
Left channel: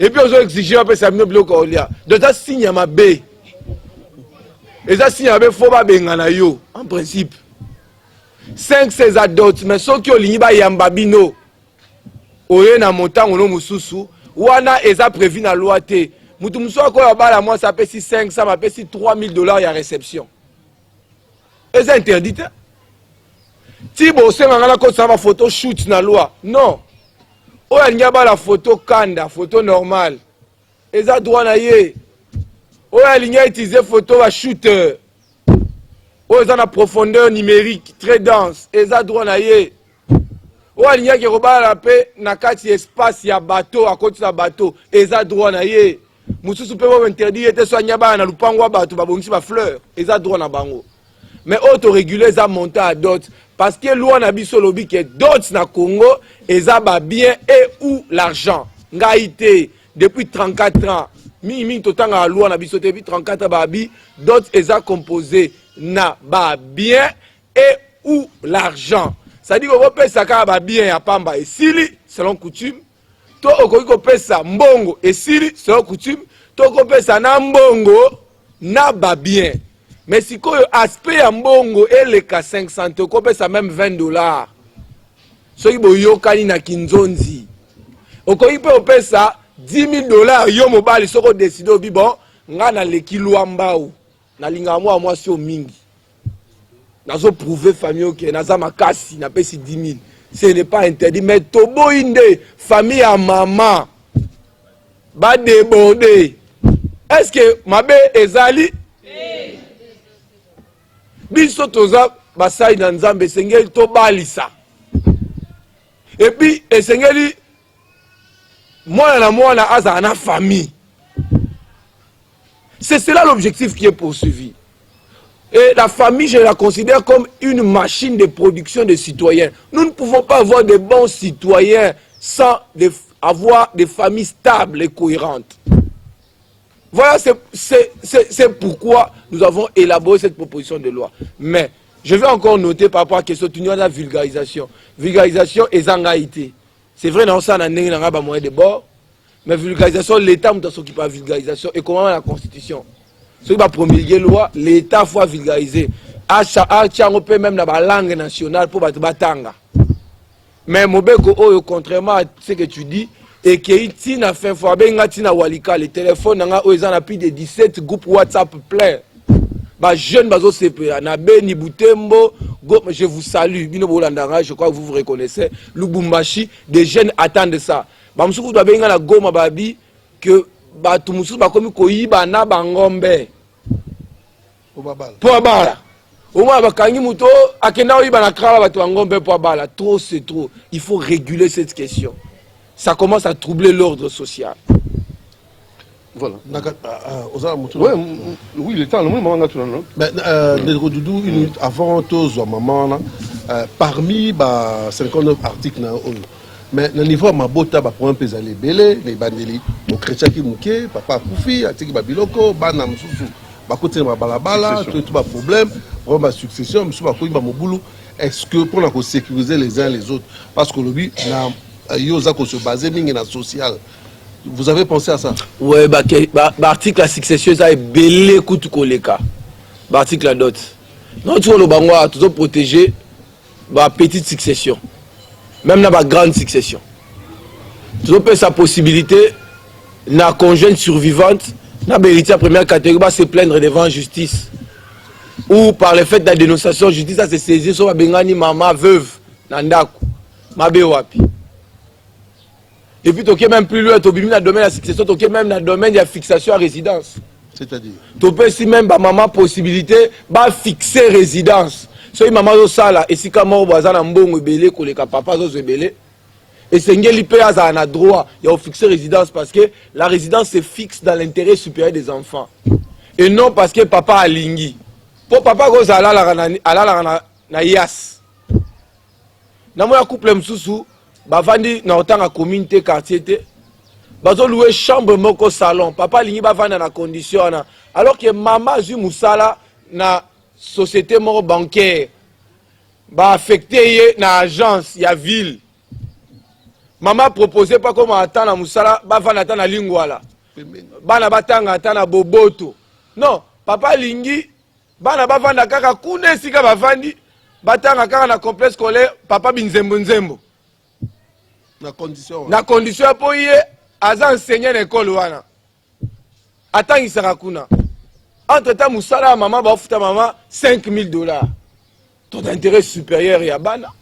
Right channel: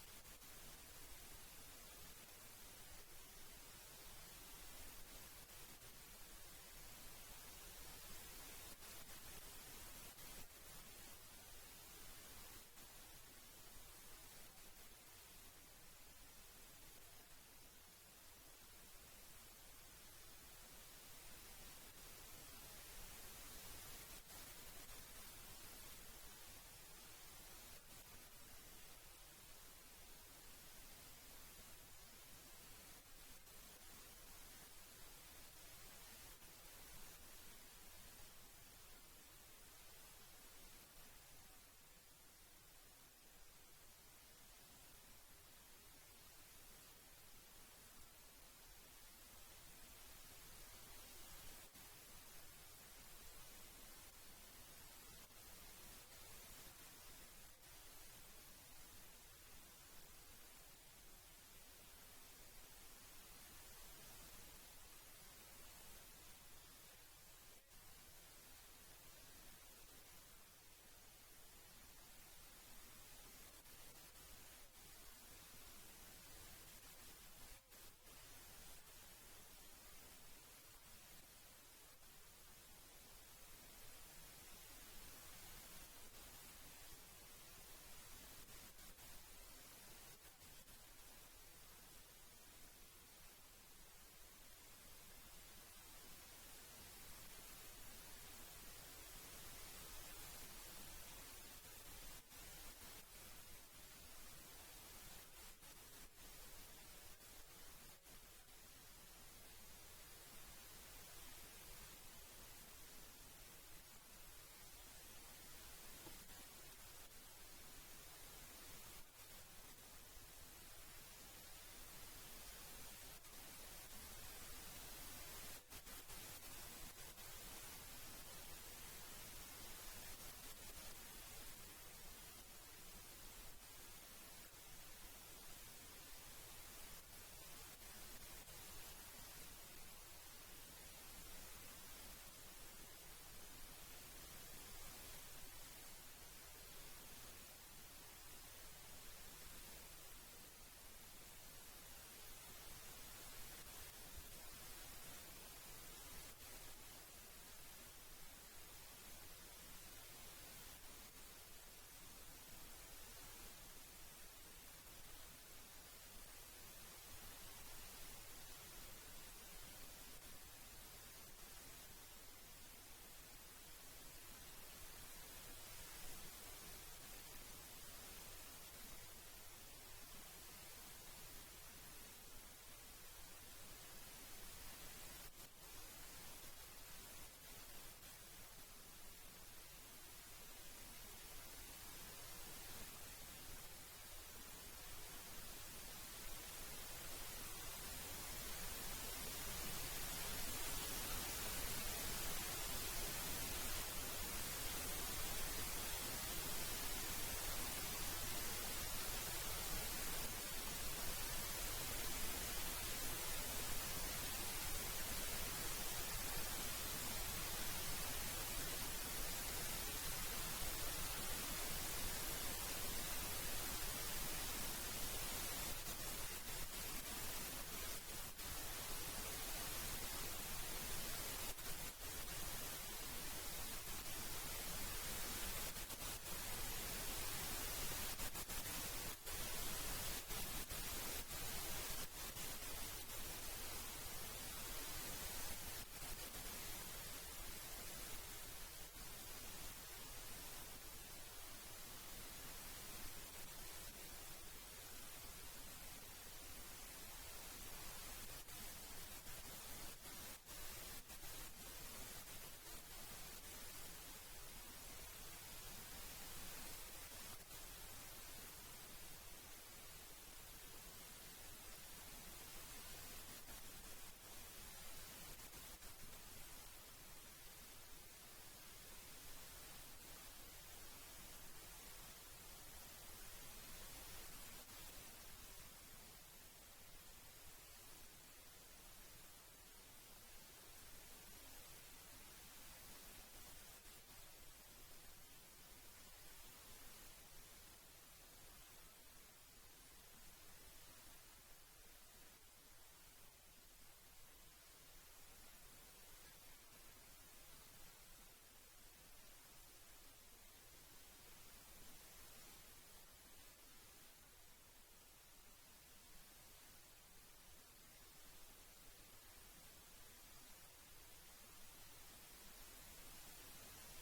et puis on a exigé un peu ça me bloque au lia de ça signe à ma baie et ça signe à ma faut pas bengana yo en principe 5 adultes mais ceux qui ont ligné ba yambabino oye na montant on mususu wana eza prévu na loi té mutu muso ko ba la moi ça paye 500 m'a paye $3000 ya réception. Et c'est interdit. Si vous avez une photo shoot dans la loi, non. Il y a la photo kanda, photo normale. Et ça droit na yé. Il y a utilisé photo shooter. Il y a une profondeur numérique très dense. Et ça droit na yé. Il y a qui la paix na kati espace ya bateau à côté de bateau. Et ça droit na yé. mosusu mpe bo interdit ete so anyaba na lupango wa bato babongisi ba fleur eza droit na bango mais auto réguler eza monter à dot parce que loi na biso lobi ke dot na Congo eza ba bien et ou l'argent ngai te depuis 34 ans mingi totanga loi na biso te depuis 34 ans ba bi dot eza composé na ba bien et ou l'argent ça dit ko pesa ka ba bien ya pamba esili selon coutume to okoki kopesa mbongo esili selon coutume to kopesa na mbongo na ba bien mais sikoyo aspect ya mbongo eleka 500 okopesa même $20 soki boyokani na kinzonzi okoki mpe opesa $10,000 yo mobali soko décide obi bon nga na leki lwambau nalinga mwa mwasi o mingi nazo prouver famille ok naza makasi na pesi 10 000 ce n'est pas interdit mais tobo inde famille à maman ba déborder est-ce que mabe ezali biso toza basai na nzambe esengeli tobalisa et puis esengeli mwana na mwana aza na famille c'est cela l'objectif qui est poursuivi. Et la famille, je la considère comme une machine de production de citoyens. Nous ne pouvons pas avoir de bons citoyens sans avoir des familles stables et cohérentes. Voilà, c'est pourquoi nous avons élaboré cette proposition de loi. Mais je vais encore noter par rapport à la question de la vulgarisation. Vulgarisation et zangaïté. C'est vrai, dans ça, on a un moyen de bord. Mais vulgarisation, l'État s'occupe de la vulgarisation. Et comment la Constitution? Ce qui va promulguer loi, l'État faut vulgariser. On peut même dans la langue nationale pour batanga. Mais contrairement à ce que tu dis, et qu'il y a fait fois walika les téléphones ont plus de 17 groupes WhatsApp plein. Bah jeunes bazo CPA na Beni Butembo, je vous salue. Bino Bolandanga, je crois que vous vous reconnaissez. Lubumbashi, des jeunes attendent ça. Bah msuku doit bien la goma babi que ba tumusu ba komi koyiba na bangombe. Pour bala. Au moins bakangi muto akenda oyiba na krala ba ngombe pour bala. Trop c'est trop. Il faut réguler cette question. Ça commence à troubler l'ordre social. Voilà. Ouais, oui, le temps, le moment naturel. Doudou, une minute avant tous maman, parmi 59 articles mais le niveau ma bota ba pour un peu aller belé les bandeli au chrétien qui mouké papa koufi atiki ba biloko bana msusu ba côté ba balabala tout ba problème pour ma succession msusu ba ko ba mobulu est-ce que pour la sécuriser les uns les autres parce que le but na yoza ko se baser mingi na social. Vous avez pensé à ça? Oui, l'article la succession ça est belé kutu koleka. L'article la dot. Non tu le bangwa toujours protéger ba petite succession. Même dans la grande succession. Tu peux sa possibilité, la conjointe survivante, la héritier à première catégorie, va se plaindre devant la justice. Ou par le fait de la dénonciation, la justice a se saisir sur la bengani maman veuve, nandaku, mabe wapi. Et puis, tu même plus loin, tu peux même dans le domaine de la succession, tu peux même dans le domaine de la fixation à résidence. C'est-à-dire? Tu peux aussi même, maman, possibilité, de fixer résidence. Si maman zo sala esika moko bazana mbongo ebele koleka papa zo ebele et sengeli pe aza na droit ya fixer résidence parce que la résidence se fixe dans l'intérêt supérieur des enfants et non parce que papa alingi pour papa ko zala la na yas na moya couple msusu bavandi na otanga communauté quartier te bazo louer chambre moko salon papa alingi bavanda na condition na alors que maman zu musala na société moro bancaire ba affecté na agence ya ville maman proposé pas comme attendre musala ba vana ta na lingwala bana batanga ta na boboto non papa lingi bana ba vanda kaka kuna sika ba vandi batanga kaka na complexe scolaire papa binzembo nzembo na condition po ye aza enseignant na école wana atangisaka kuna. Entre temps, Moussala, maman, va offrir maman $5,000. Taux d'intérêt supérieur à Bana.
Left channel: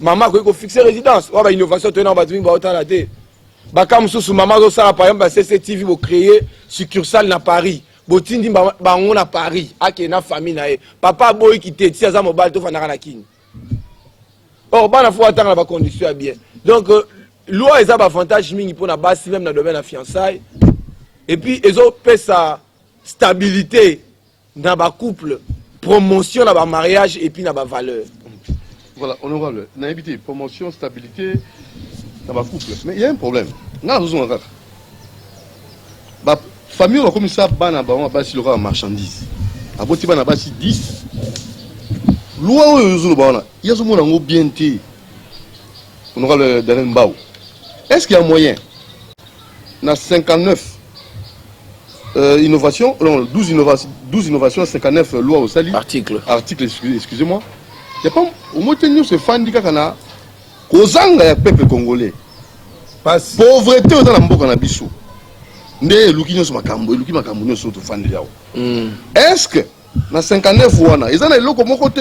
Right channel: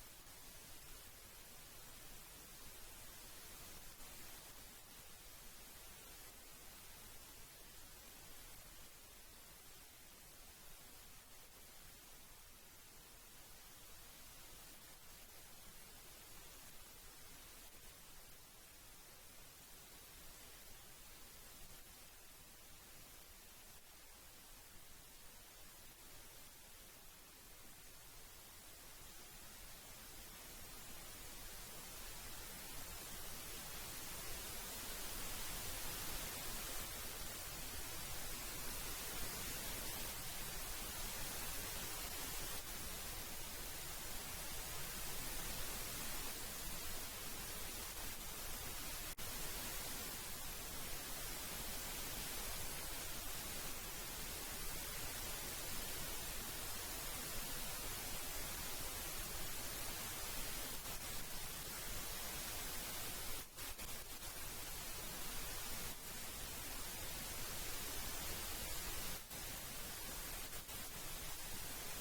Maman, il faut fixer résidence. Il y a une innovation, il y a une innovation. Bakam sous maman, par exemple, CCTV va créer succursale à Paris. Botindi bangon à Paris. Ake na famille na e. Papa boy qui te tient à mobile to fanara na king. Or, bana faut attendre la condition bien. Donc, loi est un avantage mingi pour la base même dans le domaine de la fiançailles. et puis ils ont fait sa stabilité dans le couple, promotion dans le mariage et puis dans la valeur. Voilà, honorable, on a évité promotion, stabilité dans le couple. Mais il y a un problème. La famille, on a comme ça, on a bâti le marchandise. On a bâti 10. Loi, il y a ce monde bien été. Honorable Daniel Mbao. Est-ce qu'il y a moyen? On a 59 innovations, non, 12 innovations, 59 lois au Sali. Article, excusez-moi. Il n'y a pas au moins tenu ce fan du Kakana. Kozanga ya peuple congolais. Pauvreté dans la mboka na biso. Nde lukinyo so makambo, luki makambo nyo so to fan de yao. Est-ce que na 59 wana, ezana eloko moko te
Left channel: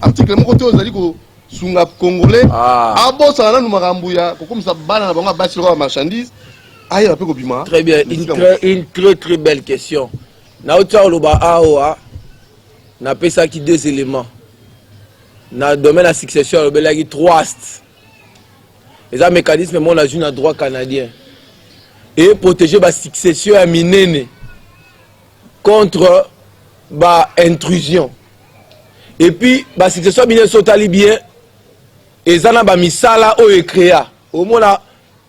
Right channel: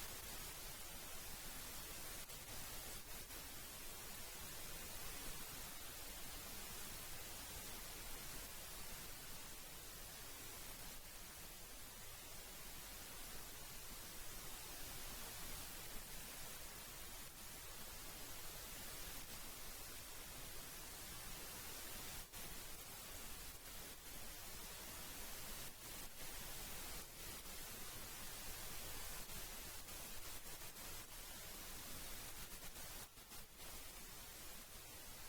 article moko te ozali ko sunga congolais. Abo ça na makambo ya ko comme ça bana na bango bâti le marchandise. Très bien, une très belle question. Na otua loba aoa na pesa ki deux éléments. Na domaine la succession loba lagi trois astes. Les mécanismes mon a joué droit canadien et protéger la succession à minene contre ba intrusion. Et puis la succession minene sotali bien et zana ba misala o ekrea. Au moins là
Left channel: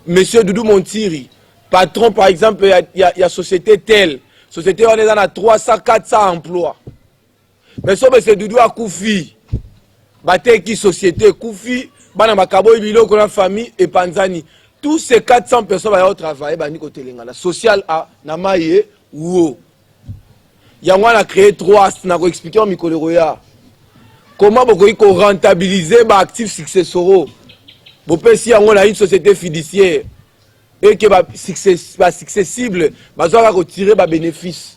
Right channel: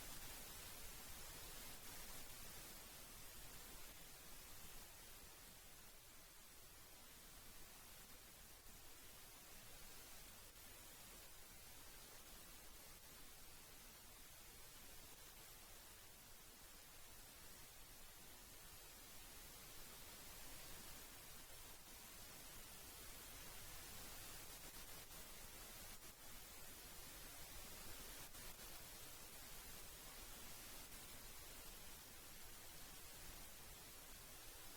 monsieur Doudou Montiri patron par exemple, il y a société telle. Société, on est dans 300, 400 emplois. Mais si M. Doudou a Koufi, qui société, Koufi, Banabakabo, Ibilo, la famille et Panzani. Tous ces 400 personnes vont travailler dans le social à Namaye ou il y a créé 3, on a expliqué en Mikoloya. Comment vous pouvez rentabiliser les actifs successoraux? Vous pouvez si on a une société fiduciaire. Et que va successible, va retirer les bénéfices.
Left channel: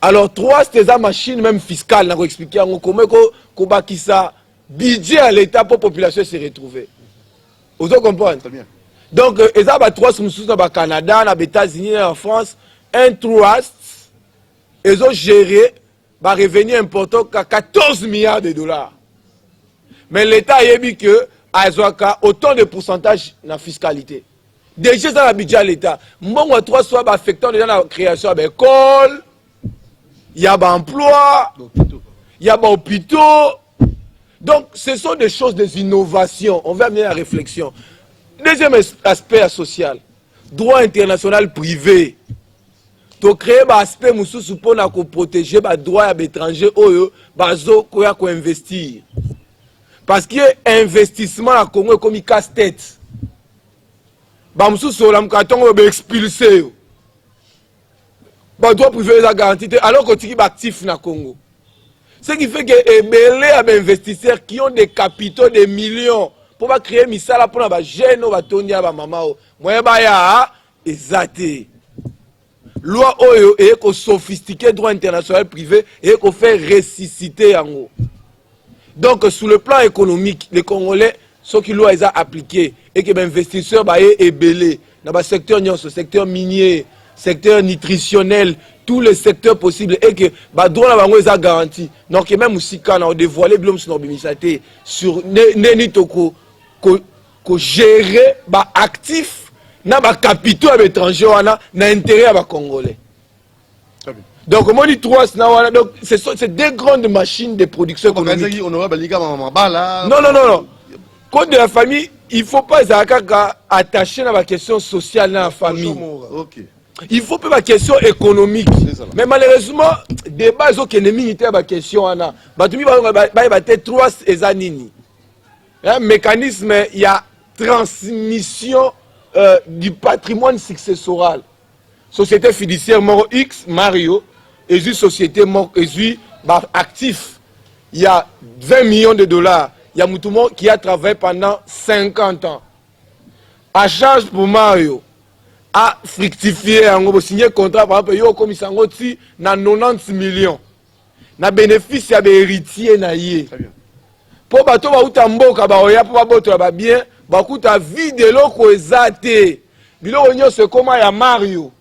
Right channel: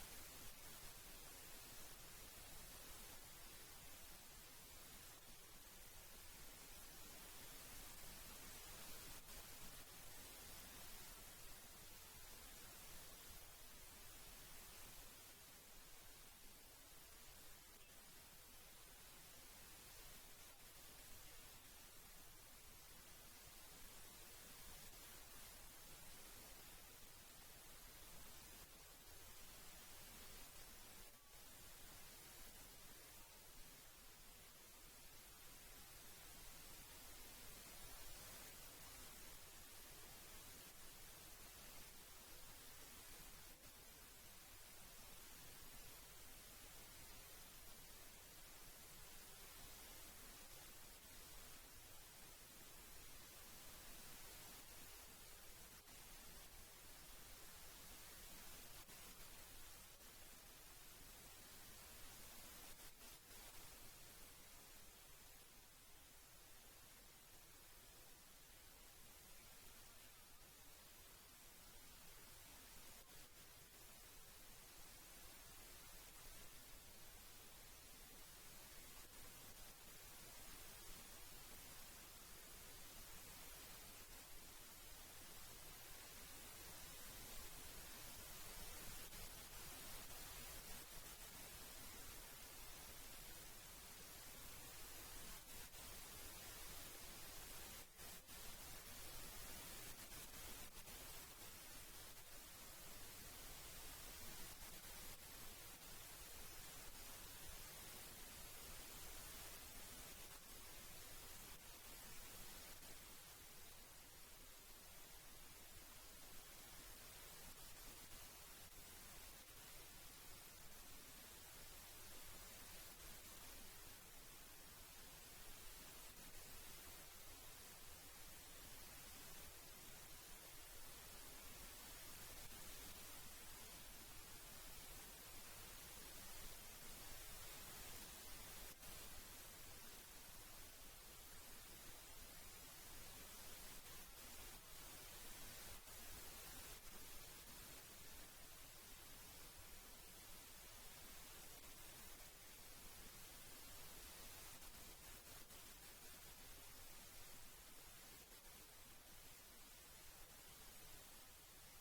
Alors, 3, c'est des machines même fiscales, on a expliqué comment ça budget à l'État pour la population se retrouver. Vous comprenez? Très bien. Donc, il y a 3 sous au Canada, aux États-Unis, en France, un trust, ils ont géré un revenu important à 14 milliards de dollars. Mais l'État a dit que autant de pourcentage dans la fiscalité. Déjà dans le budget de l'État, moi, 3 soit affectant dans la création de l'école, il y a des emplois, il y a des hôpitaux. Donc, ce sont des choses, des innovations. On va amener la réflexion. Deuxième aspect social, droit international privé. Tu crées un aspect pour protéger les droits des étrangers qui investir. Parce que l'investissement à Congo est comme un casse-tête. Bamsou la mkatongo be expulsé. Ba droit privé la garantie alors que tu es actif na Congo. Ce qui fait que les investisseurs qui ont des capitaux de millions pour créer misala pour ba jeune ba tonia ba mama o. Moyen ba ya exacté. Loi oyo et ko sophistiqué droit international privé et ko fait ressusciter en haut. Donc sur le plan économique, les Congolais ce qui loi a appliqué et que les investisseurs est belé dans le secteur secteur minier, secteur nutritionnel, tous les secteurs possibles et que les droits sont garantis. Donc même aussi quand on a dévoilé sur Nenitoko que gérer les actifs dans les capitaux étrangers dans l'intérêt des Congolais. Donc, on dit 3, donc c'est deux grandes machines de production économique. Non. Code de la famille, il ne faut pas attacher à la question sociale dans la famille. Il faut pas la question économique. Mais malheureusement, des bases qui sont la question. Il y a 3 années. Mécanisme, il y a transmission du patrimoine successoral. Société fiduciaire Moro X, Mario, et une société actif. Il y a 20 millions de dollars. Il y a Moutoumon qui a travaillé pendant 50 ans. À charge pour Mario, a fructifié, on a signé un contrat, par exemple, comme il s'en a 90 millions. Na bénéfice, il y a des héritiers. Pour bateau, mboka pour bien, ta vie de l'eau exate. Bilo c'est comment il y a Mario.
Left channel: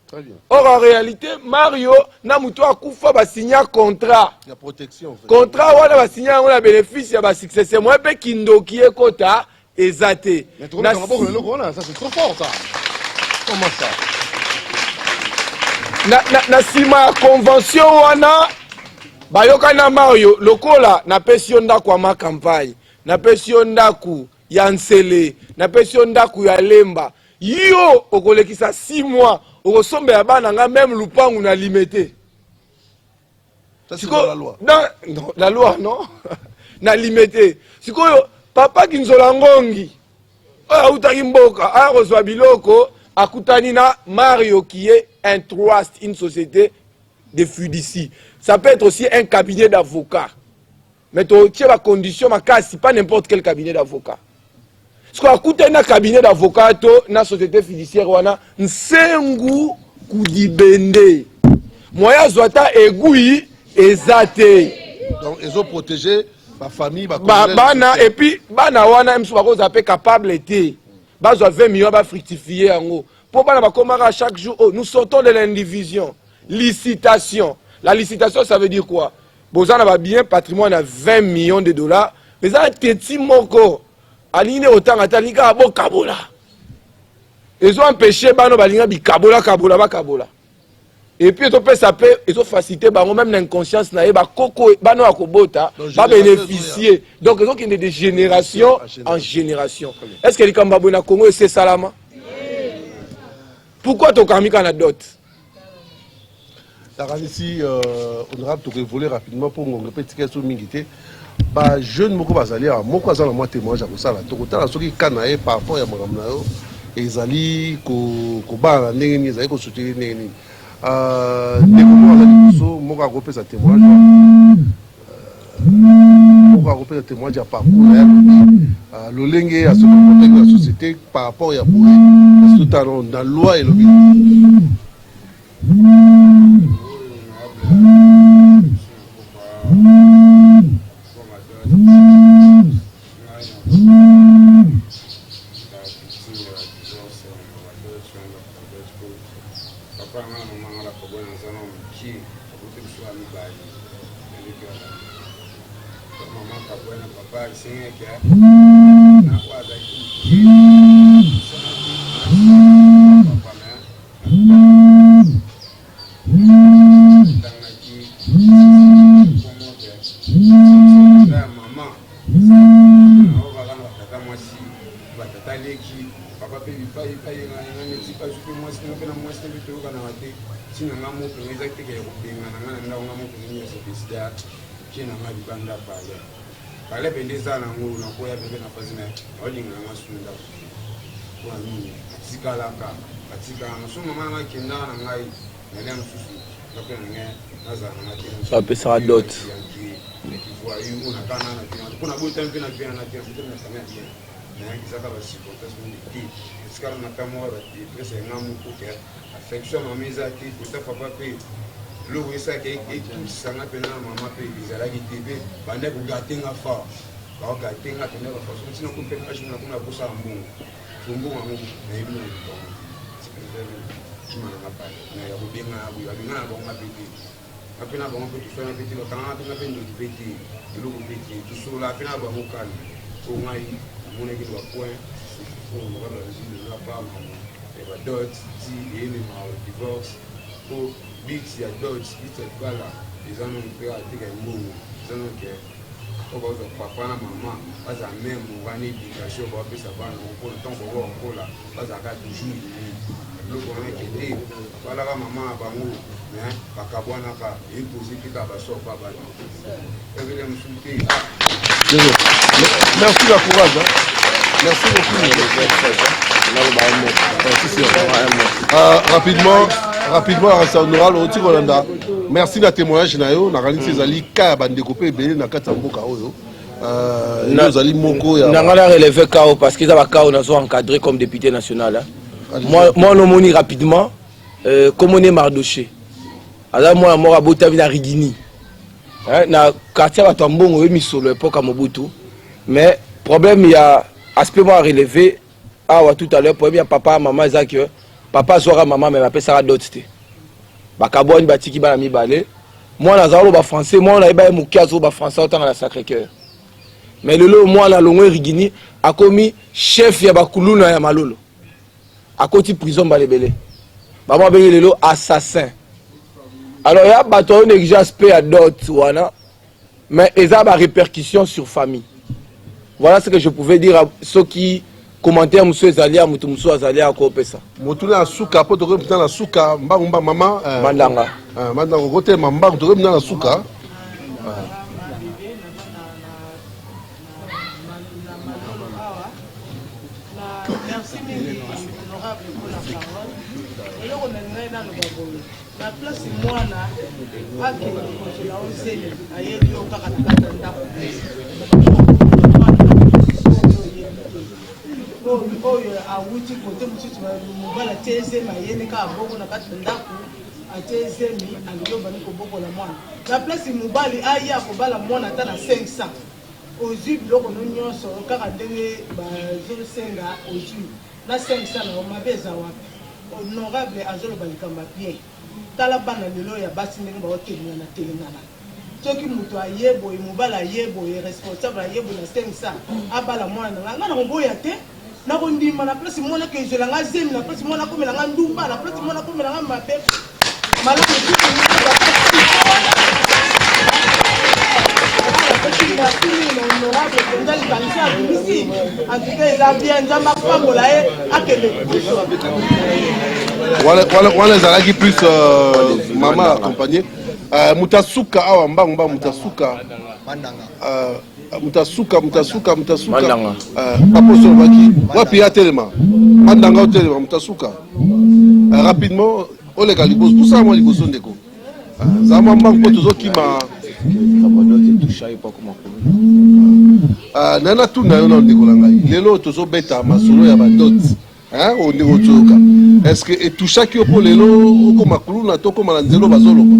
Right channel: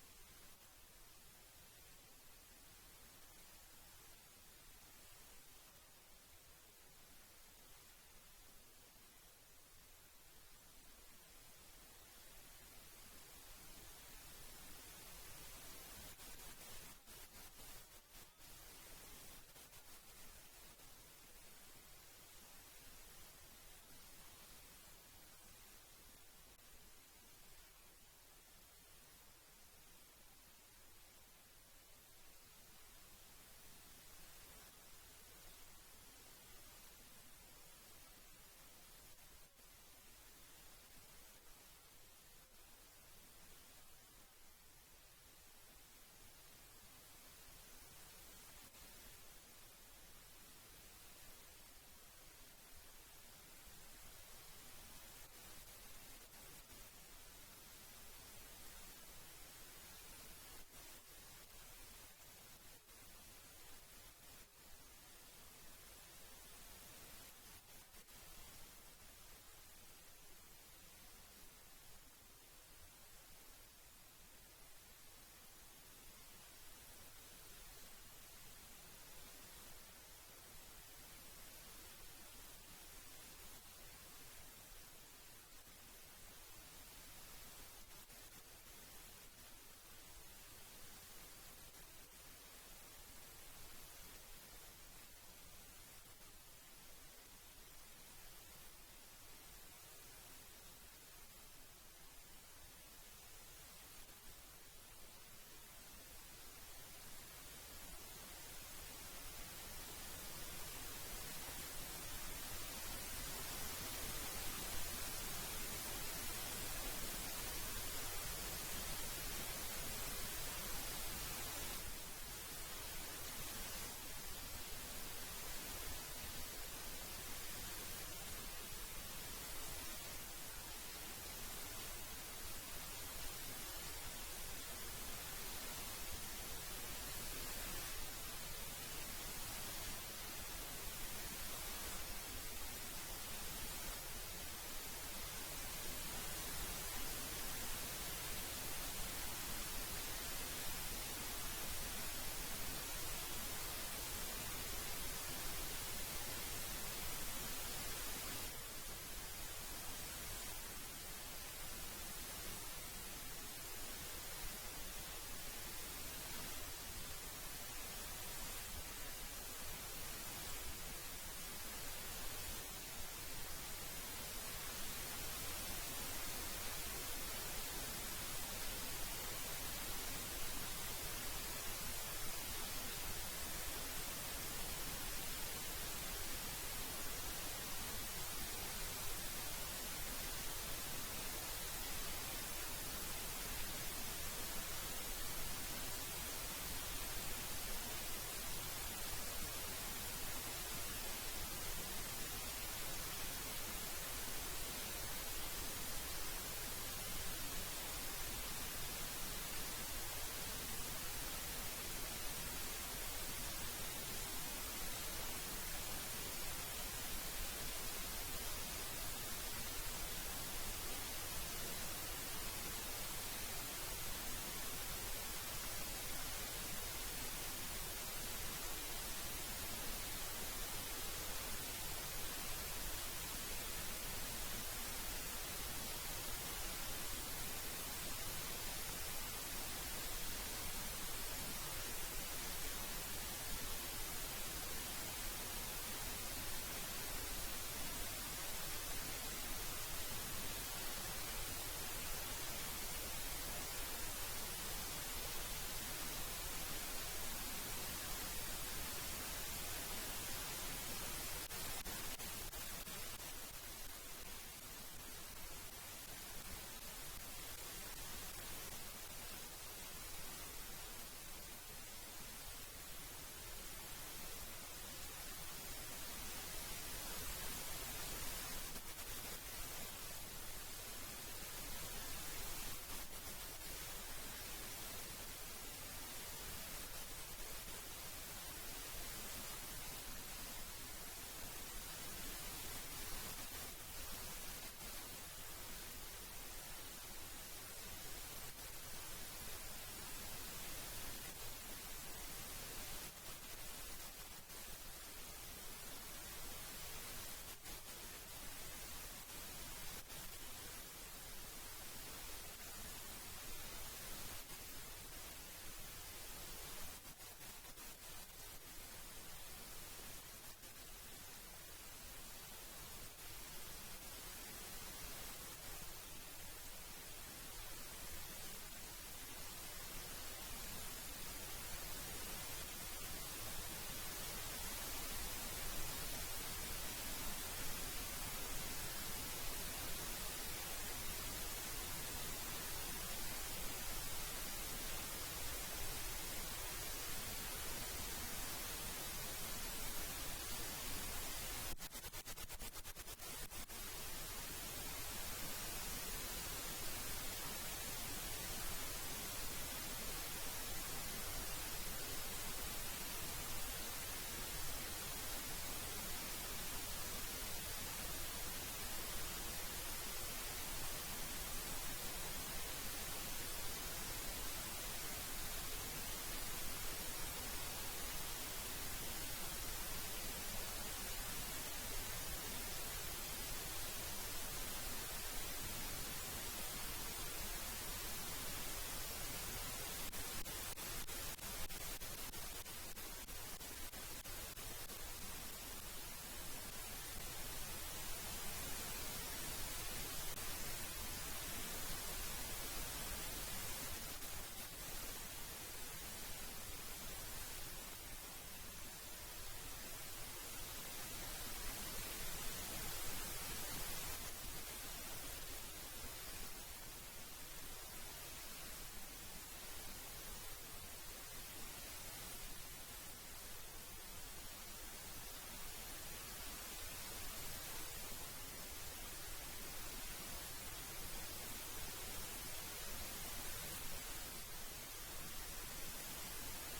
Or en réalité, Mario n'a pas signé un contrat. Il y a protection. Contrat, on a signé un bénéfice, il y a un succès. C'est moi qui est quota exate. Mais ça c'est trop fort ça. Comment ça? na sima convention wana bayoka na Mario lokola na pesi ndako ya ma campagne na pesi ndako ya Nsele na pesi ndako ya Lemba yo okolekisa 6 mois okosombe ya bana nga même lupangu na limité. Ça c'est dans la loi. Non, la loi non. Na limité. Sikoyo papa Kinzola Ngongi autaki mboka akozwa biloko akutani na Mario qui est un trust, une société de fiducie. Ça peut être aussi un cabinet d'avocats. Mais tu as la condition, c'est pas n'importe quel cabinet d'avocats. Ce qu'on a écouté dans cabinet d'avocats, dans la société fiduciaire, on a un sengu kudibende. Moya zwata egui ezate. Donc ils ont protégé ma famille, ma bana et puis bana wana msu bako zape capable été. Bazo 20 millions ba fructifier yango. Pour bana bakomara chaque jour, oh, nous sortons de l'indivision. Licitation. La licitation ça veut dire quoi? Bozana ba bien patrimoine à 20 millions de dollars. Mais ça teti moko. Aline autant atalika bo kabola. Ils ont empêché bano balinga bi kabola. Et puis ça peut ils ont facilité bango même l'inconscience na ba koko bano akobota ba bénéficier. Donc ils ont qui de génération en génération. Est-ce que les Kambabo na Congo c'est salama? Pourquoi tu as la dot? Ici, honorable, tu peux voler rapidement pour mon petit question militaire. Bah, jeune moko bazali a moko azala moi témoignage à ça là. Tu as soki kanae par rapport à madame Nao et Zali ko ba ndenge ni zali ko soutenir ndenge ni. Ndeko azali so moko a repé sa témoignage. Moko a repé sa témoignage à parcours ya lolenge à ce comporter de la société par rapport à boé. Parce que dans la loi et le ça peut sera dot. Apena bango pe tufana peti bakanga apena pe ndoki peti eloko peti tusola apena bango kali o ngai mona ki ba point o mo ba zili na pa mo e ba dot ti ele ma divorce o big ya dot ite bala izano pe atika mbungu izano ke o ba zo papa na mama baza même wani education ba pesa bana ko ntongo ko kola baza ka toujours loko na kete wala ka mama bango merci la courage. Hein. Merci beaucoup. Rapidement, honorable Oti Rolanda. Merci de témoignage. On a réalisé les cas de découper belé na kata mboka oyo. Nous allons moko ya. On a relevé KO parce qu'ils avaient KO nous encadré comme député national. Moi on moni rapidement comme on est Mardoché. Alors moi mort abota na Rigini. Na quartier ba mbongo we misolo époque à Mobutu. Mais problème il y a aspect moi relevé tout à l'heure problème papa maman Zaki papa zora maman mais appelle ça dot té. Ba kaboni batiki ba mi balé. Moi na zalo ba français moi na ba mukiazo ba français autant à la Sacré-Cœur. Mais le moi na longo Rigini a commis chef ya bakuluna ya malolo. A côté prison ba lebele. Ba moi belé lelo assassin. Alors, il y a bateau négligé aspect à d'autres, mais il y a des répercussions sur la famille. Voilà ce que je pouvais dire à ceux qui commentaient à monsieur Zalia, à monsieur Zalia, à Kopesa. Motuna Asuka, pour te remettre dans Asuka, Mbamba maman. Mandanga. Mandanga, côté Mamba, tu remettre dans Asuka. Merci, honorable pour la parole. Et là, on a la place moi là, à qui on l'a osé, ailleurs il y a encore oyo awuti kote mosusu mobali atie ezemi ayeni kaka bongo na kati na ndako atie ezemi aliyobani kobokola mwana na place mobali aya kobala mwana ata na 500 ozwi biloko no nyonso kaka ndenge bazosenga ozwi na 500 na mabe eza wapi honorable azoloba likambo ya bien tala bana lelo ya basi ndenge baotelingana na telingana soki moto ayeboye mobali ayeboye responsable ayeboye na 500 abala mwana na nga na koboya te na kondima na place mwana ke ezela nga zemi na place mwana komela nga ndumba na place mwana komela nga mabe malamu tuku honorable konza likanisi ya bimisi en tout cas eza bien nzambe apambola ye akende Wana ezalaki plus mama accompagné mutasuka awa mbangba mutasuka mutasuka papa solobaki wapi ya telema mandanga otelema mutasuka rapidement oleka liboso tout ça moi liboso ndeko za mamba mpo tozokima nana tuna yo na ndeko na ngai lelo tozobeta masolo ya badot o ndeko toyoka est ce que etushaki yo mpo lelo okoma kuluna to okoma na nzelo bazoloba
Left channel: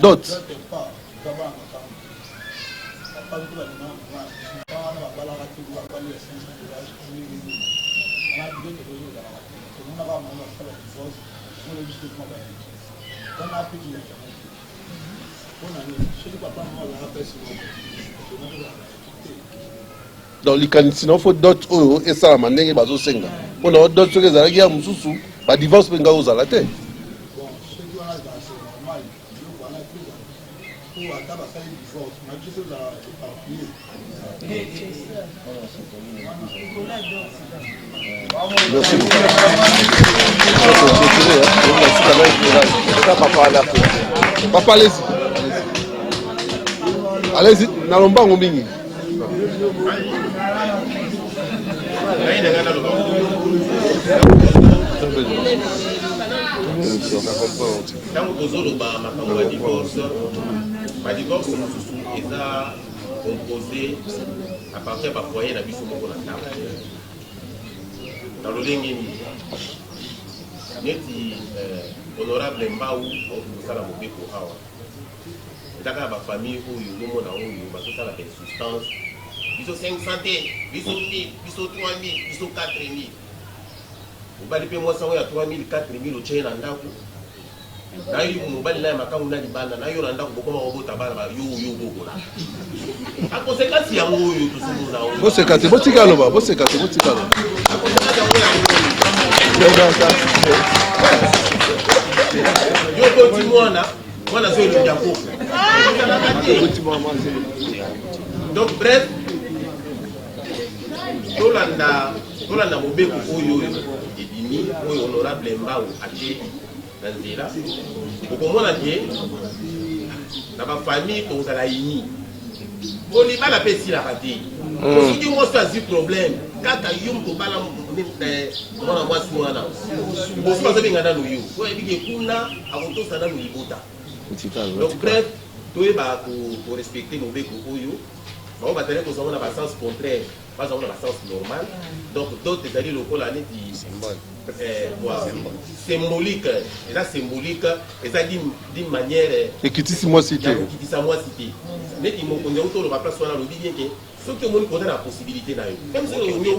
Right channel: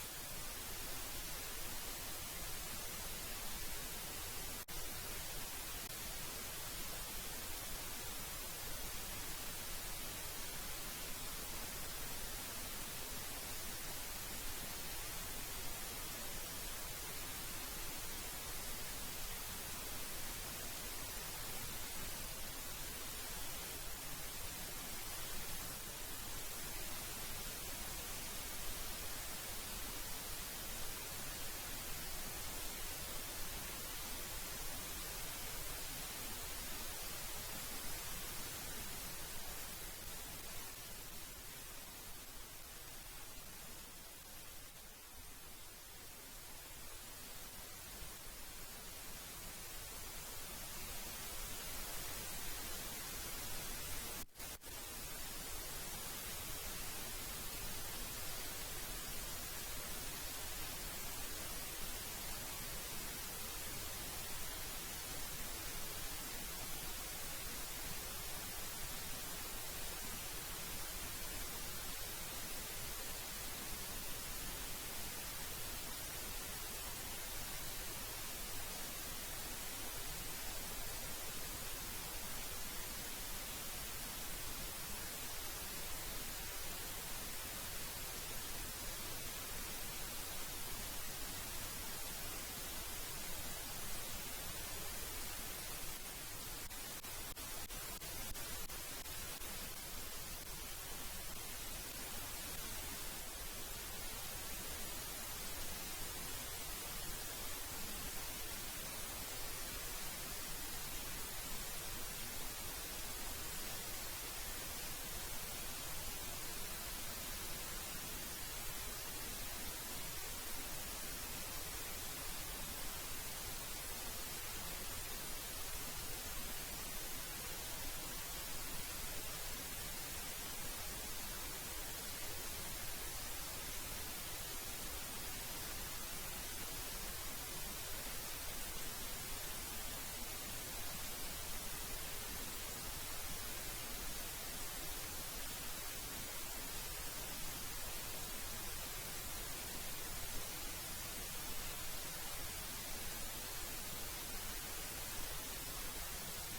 Dot. Donc likanisi na faut dot oyo esalama ndenge bazosenga mpona dot soki ezalaki ya mosusu badivorce mpe ngai ozala te Merci beaucoup. Papa, allez-y. Allez-y, n'allons pas mingi. Ntango tozoloba makambo ya divorce mosusu eza composé à partir ya bafoyer na biso moko na ndako na lolenge neti honorable mbau okosala mobeko awa eza kaka bafamille oyo nomona oyo bazosala persistance biso 500 te biso 1000 biso 3000 biso 4000 mobali mpe mwasi yango ya 3000 4000 otie na ndako nayo mobali na ya makambo na libanda nayo na ndako bokoma kobota bana yo bokola akonsekansi yango oyo tosomona oyo boseka te botika loba boseka te botika loba yo boti mwana zo elongi ya koko donc bref tolanda mobeko oyo edimi oyo honorable mbau atie na nzela okomona te na bafamille tozala ini olibala mpe esilaka te soki mwasi azwi problème kaka yo mokobala mwana mwasi wana bosi bazobenga nano yo oyebiki kuna akotosa nano libota donc bref toyeba korespecte mobeko oyo bango batali kozango na basens contraire bazango na basens normal donc d'autres ezali lokola neti symbolique eza symbolique eza d'une manière ekitisi mwasi te kokitisa mwasi te neti mokonzi auti oloba place wana alobi bien ke soki omoni koza na possibilité na yo même soki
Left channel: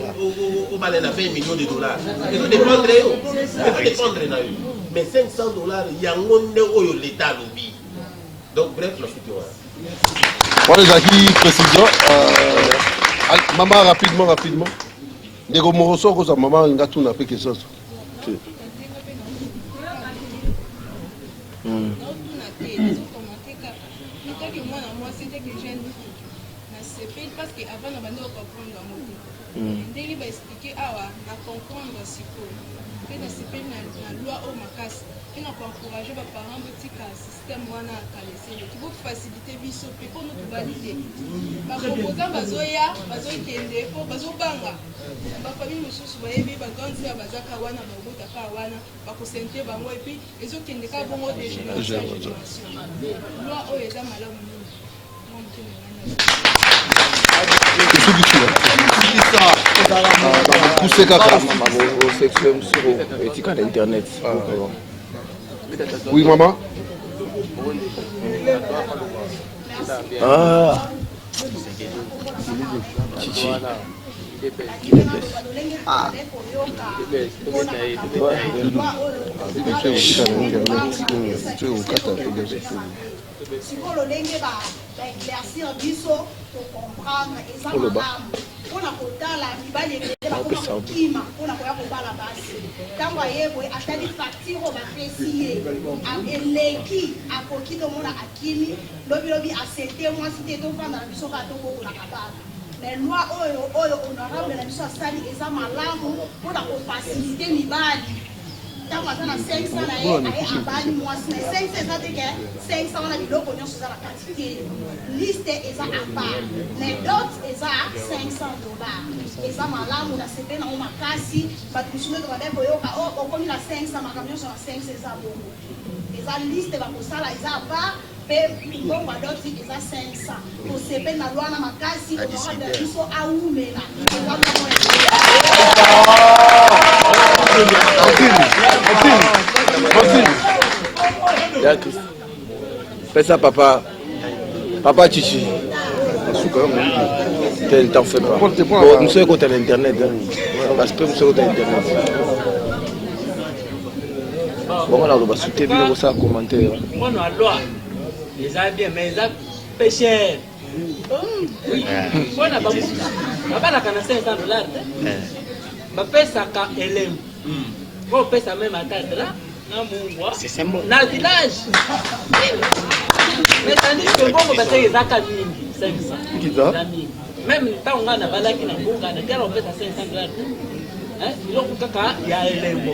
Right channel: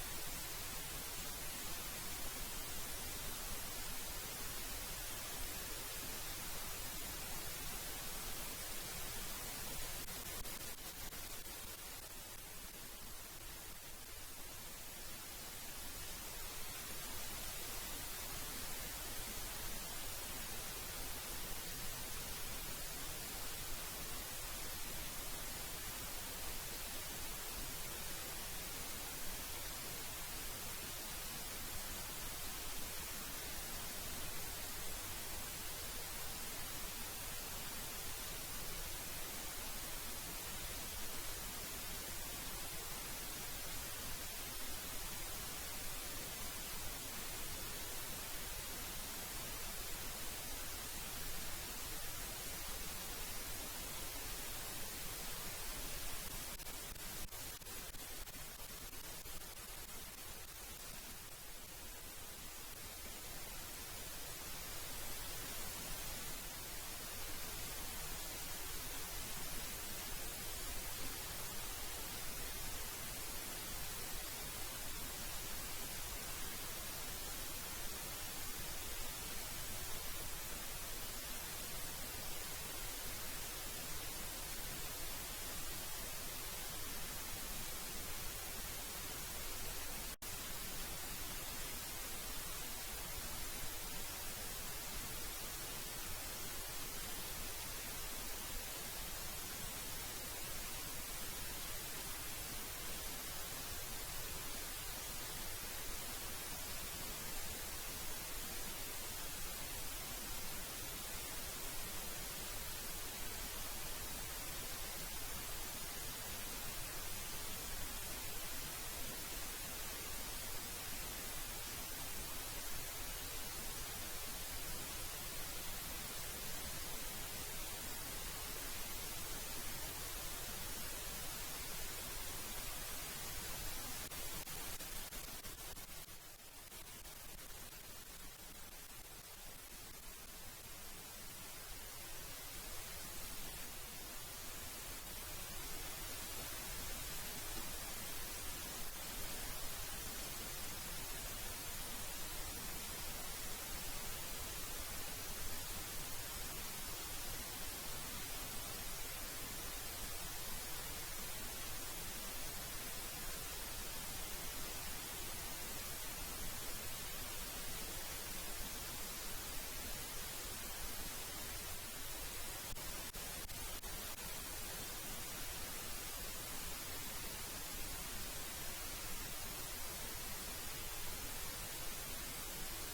obala na 20 millions de dollars ezodépendre yo ezodépendre na yo mais 500 dollars yango nde oyo l'état alobi donc bref na suki wana wana ezalaki précision Maman, rapidement. Ndeko Moroso, ko sa maman nga tout na pe que ça. Parce qu'avant, on va comprendre la moto. Ndenge va expliquer à comprendre si quoi. Que na CP na loi au makas. Et on peut encourager les parents petit système wana kalaisé. Qui va faciliter biso pour nous valider. Ba proposant bazoya, bazoikende, po bazobanga. Ba famille mususu ba yebi ba ganzi ya bazaka wana mobota ka wana ba ko sentir bango et puis ezokende ka bongo de génération. Loi au eza malamu. Pousser kaka. Éthique à l'internet. Oui, maman. Ah. Chichi. Ah. Sikoyo lolenge baéclaircir biso tocomprendre eza malamu mpona kotala mibali ebele bakoma kokima mpona koya kobala basi ntango aye boye atali facture oyo bapesi ye eleki akoki tomona akimi lobilobi asete mwasi te tofanda na biso kaka tobokolaka bana mais loi oyo honorable na biso asali eza malamu mpona kofasilite mibali. Ntango aza na 500 na ye aye abali mwasi na 500 eza te ke 500 wana biloko nyonso eza na kati te liste eza apart mais dot eza $500 eza malamu na sepe nango makasi bato misusu ete babe koyoka okomi na 500 makambo nyonso na 500 eza bongo eza liste bakosala eza apart mpe mbongo ya doti eza 500 tosepe na lwana makasi honorable ya biso aumela Fais ça, papa. Papa Chichi. T'en fais pas. Nous sommes contre l'internet. Parce que nous sommes contre l'internet. Bon, on a le soutenir, on va commenter. Moi, la loi, ils ont bien, mais ils ont fait cher. On a pas $500. Ma pesa ka elem. Ko pesa même à tête là. C'est symbole. Dans le village. Mais tandis que bon ba c'est zaka mingi 500. Même tant on a balaki na bunga na kero pesa $500. Hein? Iloko kaka ya elembo.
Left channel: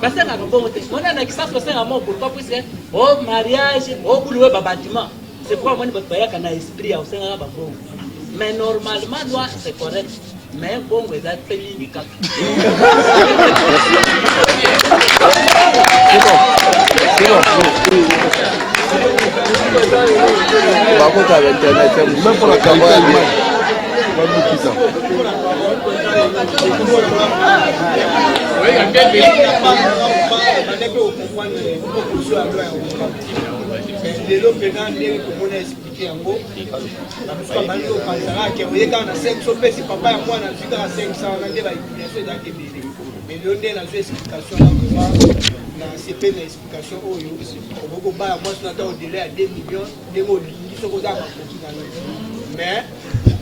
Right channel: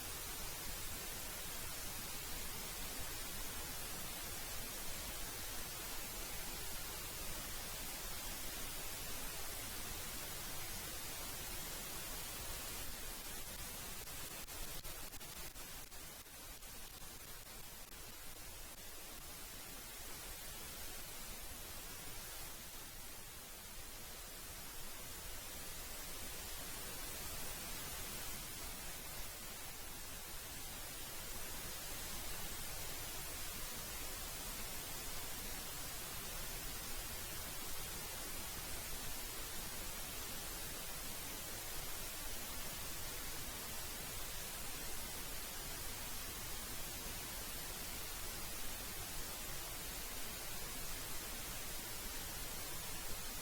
Parce que na bon te. On a na kisasa c'est amour pourquoi puisque au mariage, au boulot ba bâtiment. C'est pourquoi moi ni ba na esprit au senga ba bon. Mais normalement loi c'est correct. Mais bon, vous êtes fait l'unique. Par contre, avec Internet, même pour la campagne, lelo mpena ndenge komona explike yango bamisuka bandi opanzaka ke oyekaka na 500 opesi papa ya mwana azwi kaka 500 wana nde baexplication ezaka ebele mais lelo nde nazwi explication na sepe na explication oyo okokobaya mwasi nata odele ya 2 millions ndenge olingi soki oza makoki na yo mais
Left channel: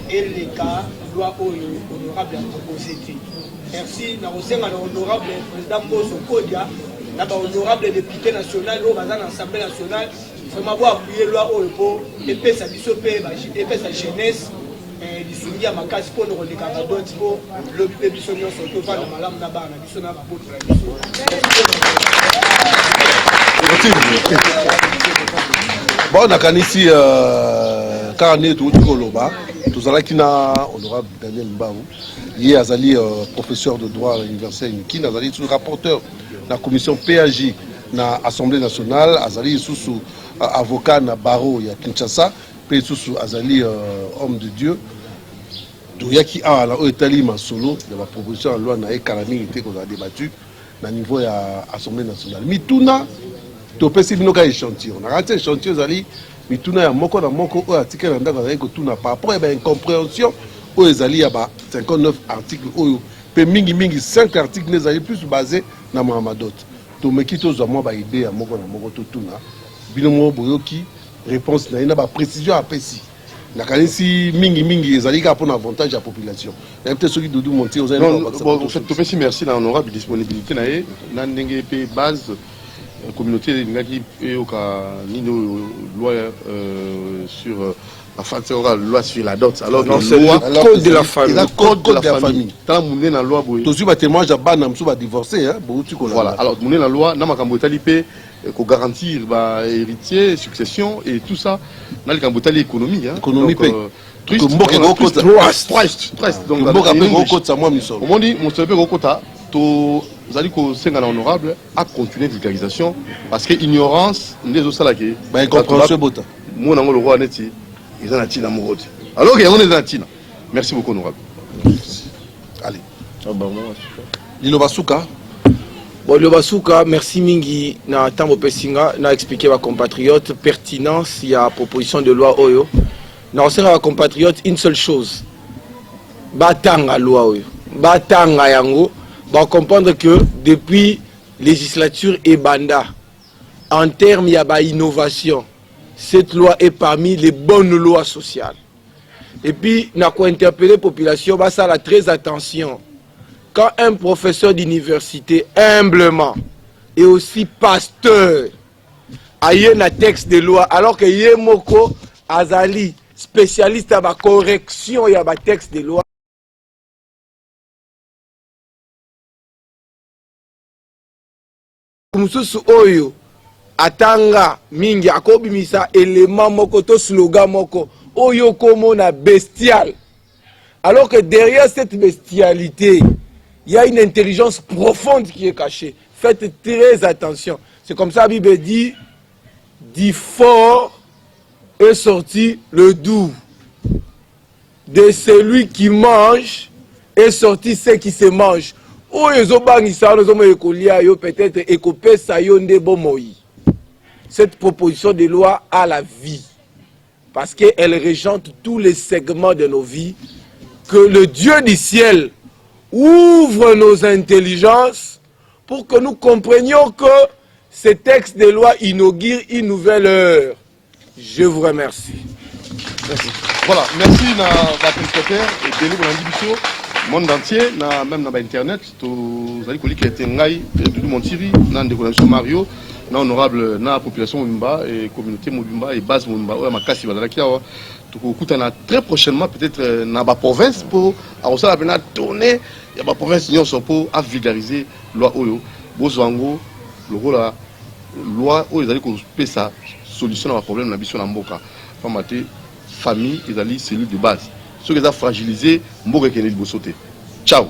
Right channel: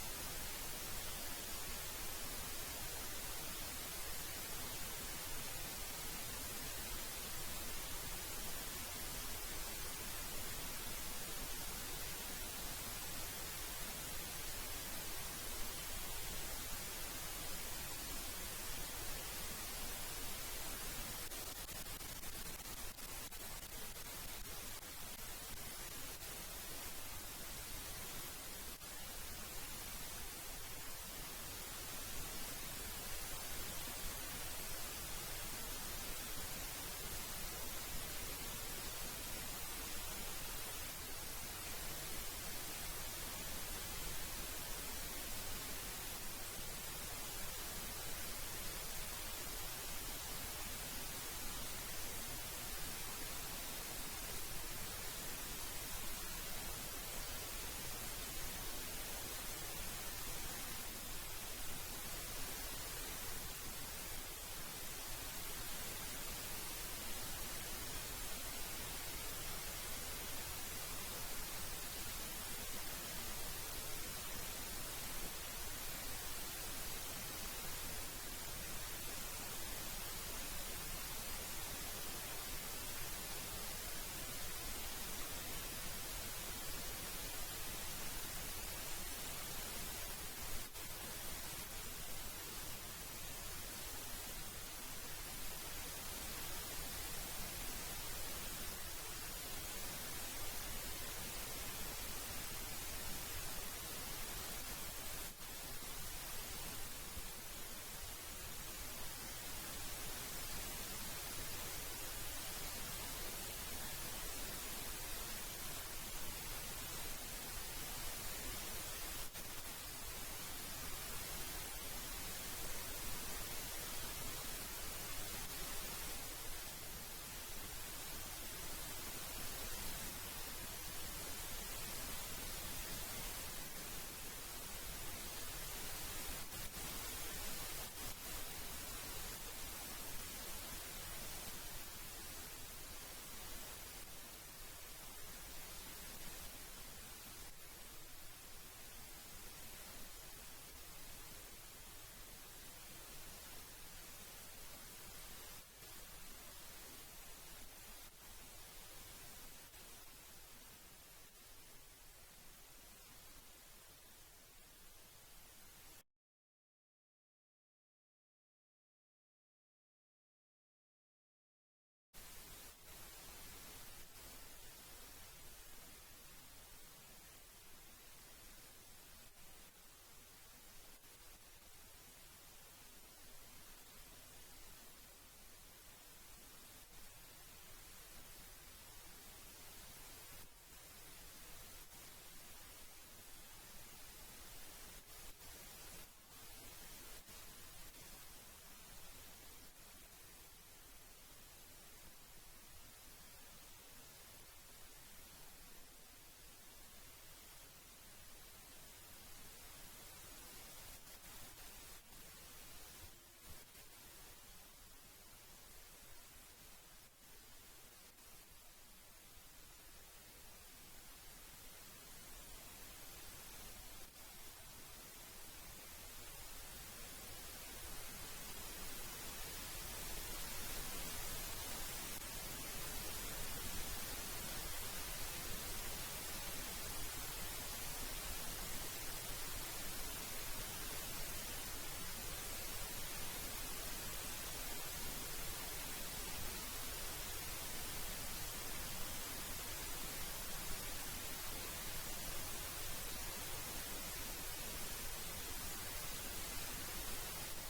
eleka loi oyo honorable ya propose te merci nakosenga na honorable président mboso kodia na bahonorable député national oyo baza na assemblée nationale vraiment bo appuye loi oyo mpo epesa biso mpe epesa jeunesse lisungi ya makasi mpo nokolekaka doti mpo lobi mpe biso nyonso tovanda malamu na bana na biso na baboto na biso bon nakanisi kaka nde touti koloba tozalaki na honorable Daniel Mbau ye azali professeur de droit à l'université Mikine azali sous rapporteur na commission PAJ na assemblée nationale azali sous avocat na barreau ya Kinshasa pe sous azali homme de Dieu toyaki awa na oyo etali masolo ya baproposition ya loi na ekala mingi te kozala débattu na niveau ya assemblée nationale mituna topesi bino ka échantillon na kati échantillon ezali mituna ya moko na moko oyo atikali na ndako azali kotuna par rapport ya baincompréhension oyo ezali ya ba 59 article oyo mpe mingi 5 article ezali plus basé na mamadot tomeki tozwa mwa baide ya moko na moko totuna bino moko boyoki réponse na ye na baprécision apesi nakanisi mingi ezalika pour avantage à population. Il y a peut-être ceux qui doivent monter aux non bon en fait tout merci merci na honorable disponibilité na ye na ndenge pe base communauté ngaki eyoka nino loi sur la loi sur la dot. Alors non, c'est le code de la famille. Le code de la famille. Tant moune na loi boy. Tous les témoignages à Banam va divorcer hein, voilà. Alors moune la loi na makambo talipé ko garantir ba héritier, succession et tout ça dans le cambotali économie hein. Économie paye. Triste. Donc on dit mon seul Rokota to zali ko senga na honorable a continuer vulgarisation parce que ignorance des osalaki. Ba incompréhension bota. Mo na ngolo roi neti ils ont tina moroti. Alors que on est dans tina. Merci beaucoup honorable. Allez. Lilo Basuka. Bon, le Basuka, merci mingi na tambo pesinga na expliquer à compatriotes pertinence il y a proposition de loi oyo. Na osera à compatriotes une seule chose. Batanga loi oyo. Batanga yango va comprendre que depuis législature et banda en termes il y a ba innovation. Cette loi est parmi les bonnes lois sociales. Et puis na ko interpeller la population ba ça la très attention. Quand un professeur d'université, humblement, et aussi pasteur, a eu un texte de loi, alors que Yemoko Azali, spécialiste à la correction et à la texte de loi, Mususu Oyo, Atanga, Mingi, Akobimisa, élément moko, to slogan moko, Oyo Komo na bestial. Alors que derrière cette bestialité, il y a une intelligence profonde qui est cachée. Faites très attention. C'est comme ça la Bible dit, du fort est sorti le doux. De celui qui mange est sorti ce qui se mange. Cette proposition de loi a la vie. Parce qu'elle régente tous les segments de nos vies. Que le Dieu du ciel ouvre nos intelligences pour que nous comprenions que ce texte de loi inaugure une nouvelle heure. Je vous remercie. Merci. Voilà, merci à la secrétaire et de l'Indivision, monde entier, même dans Internet, tout ça qui était ngai, tout le monde Syrie, dans des relations Mario, dans honorable, dans la population Mumba et communauté Mumba et base Mumba, ouais, ma casse, il va là très prochainement peut-être dans la province pour à tourner il y a la province pour vulgariser loi oyo bozwango lokola loi oyo ezali ko pesa solution à problème na biso na mboka famate famille ezali cellule de base ceux qui ont fragilisé mboka keneli bosote ciao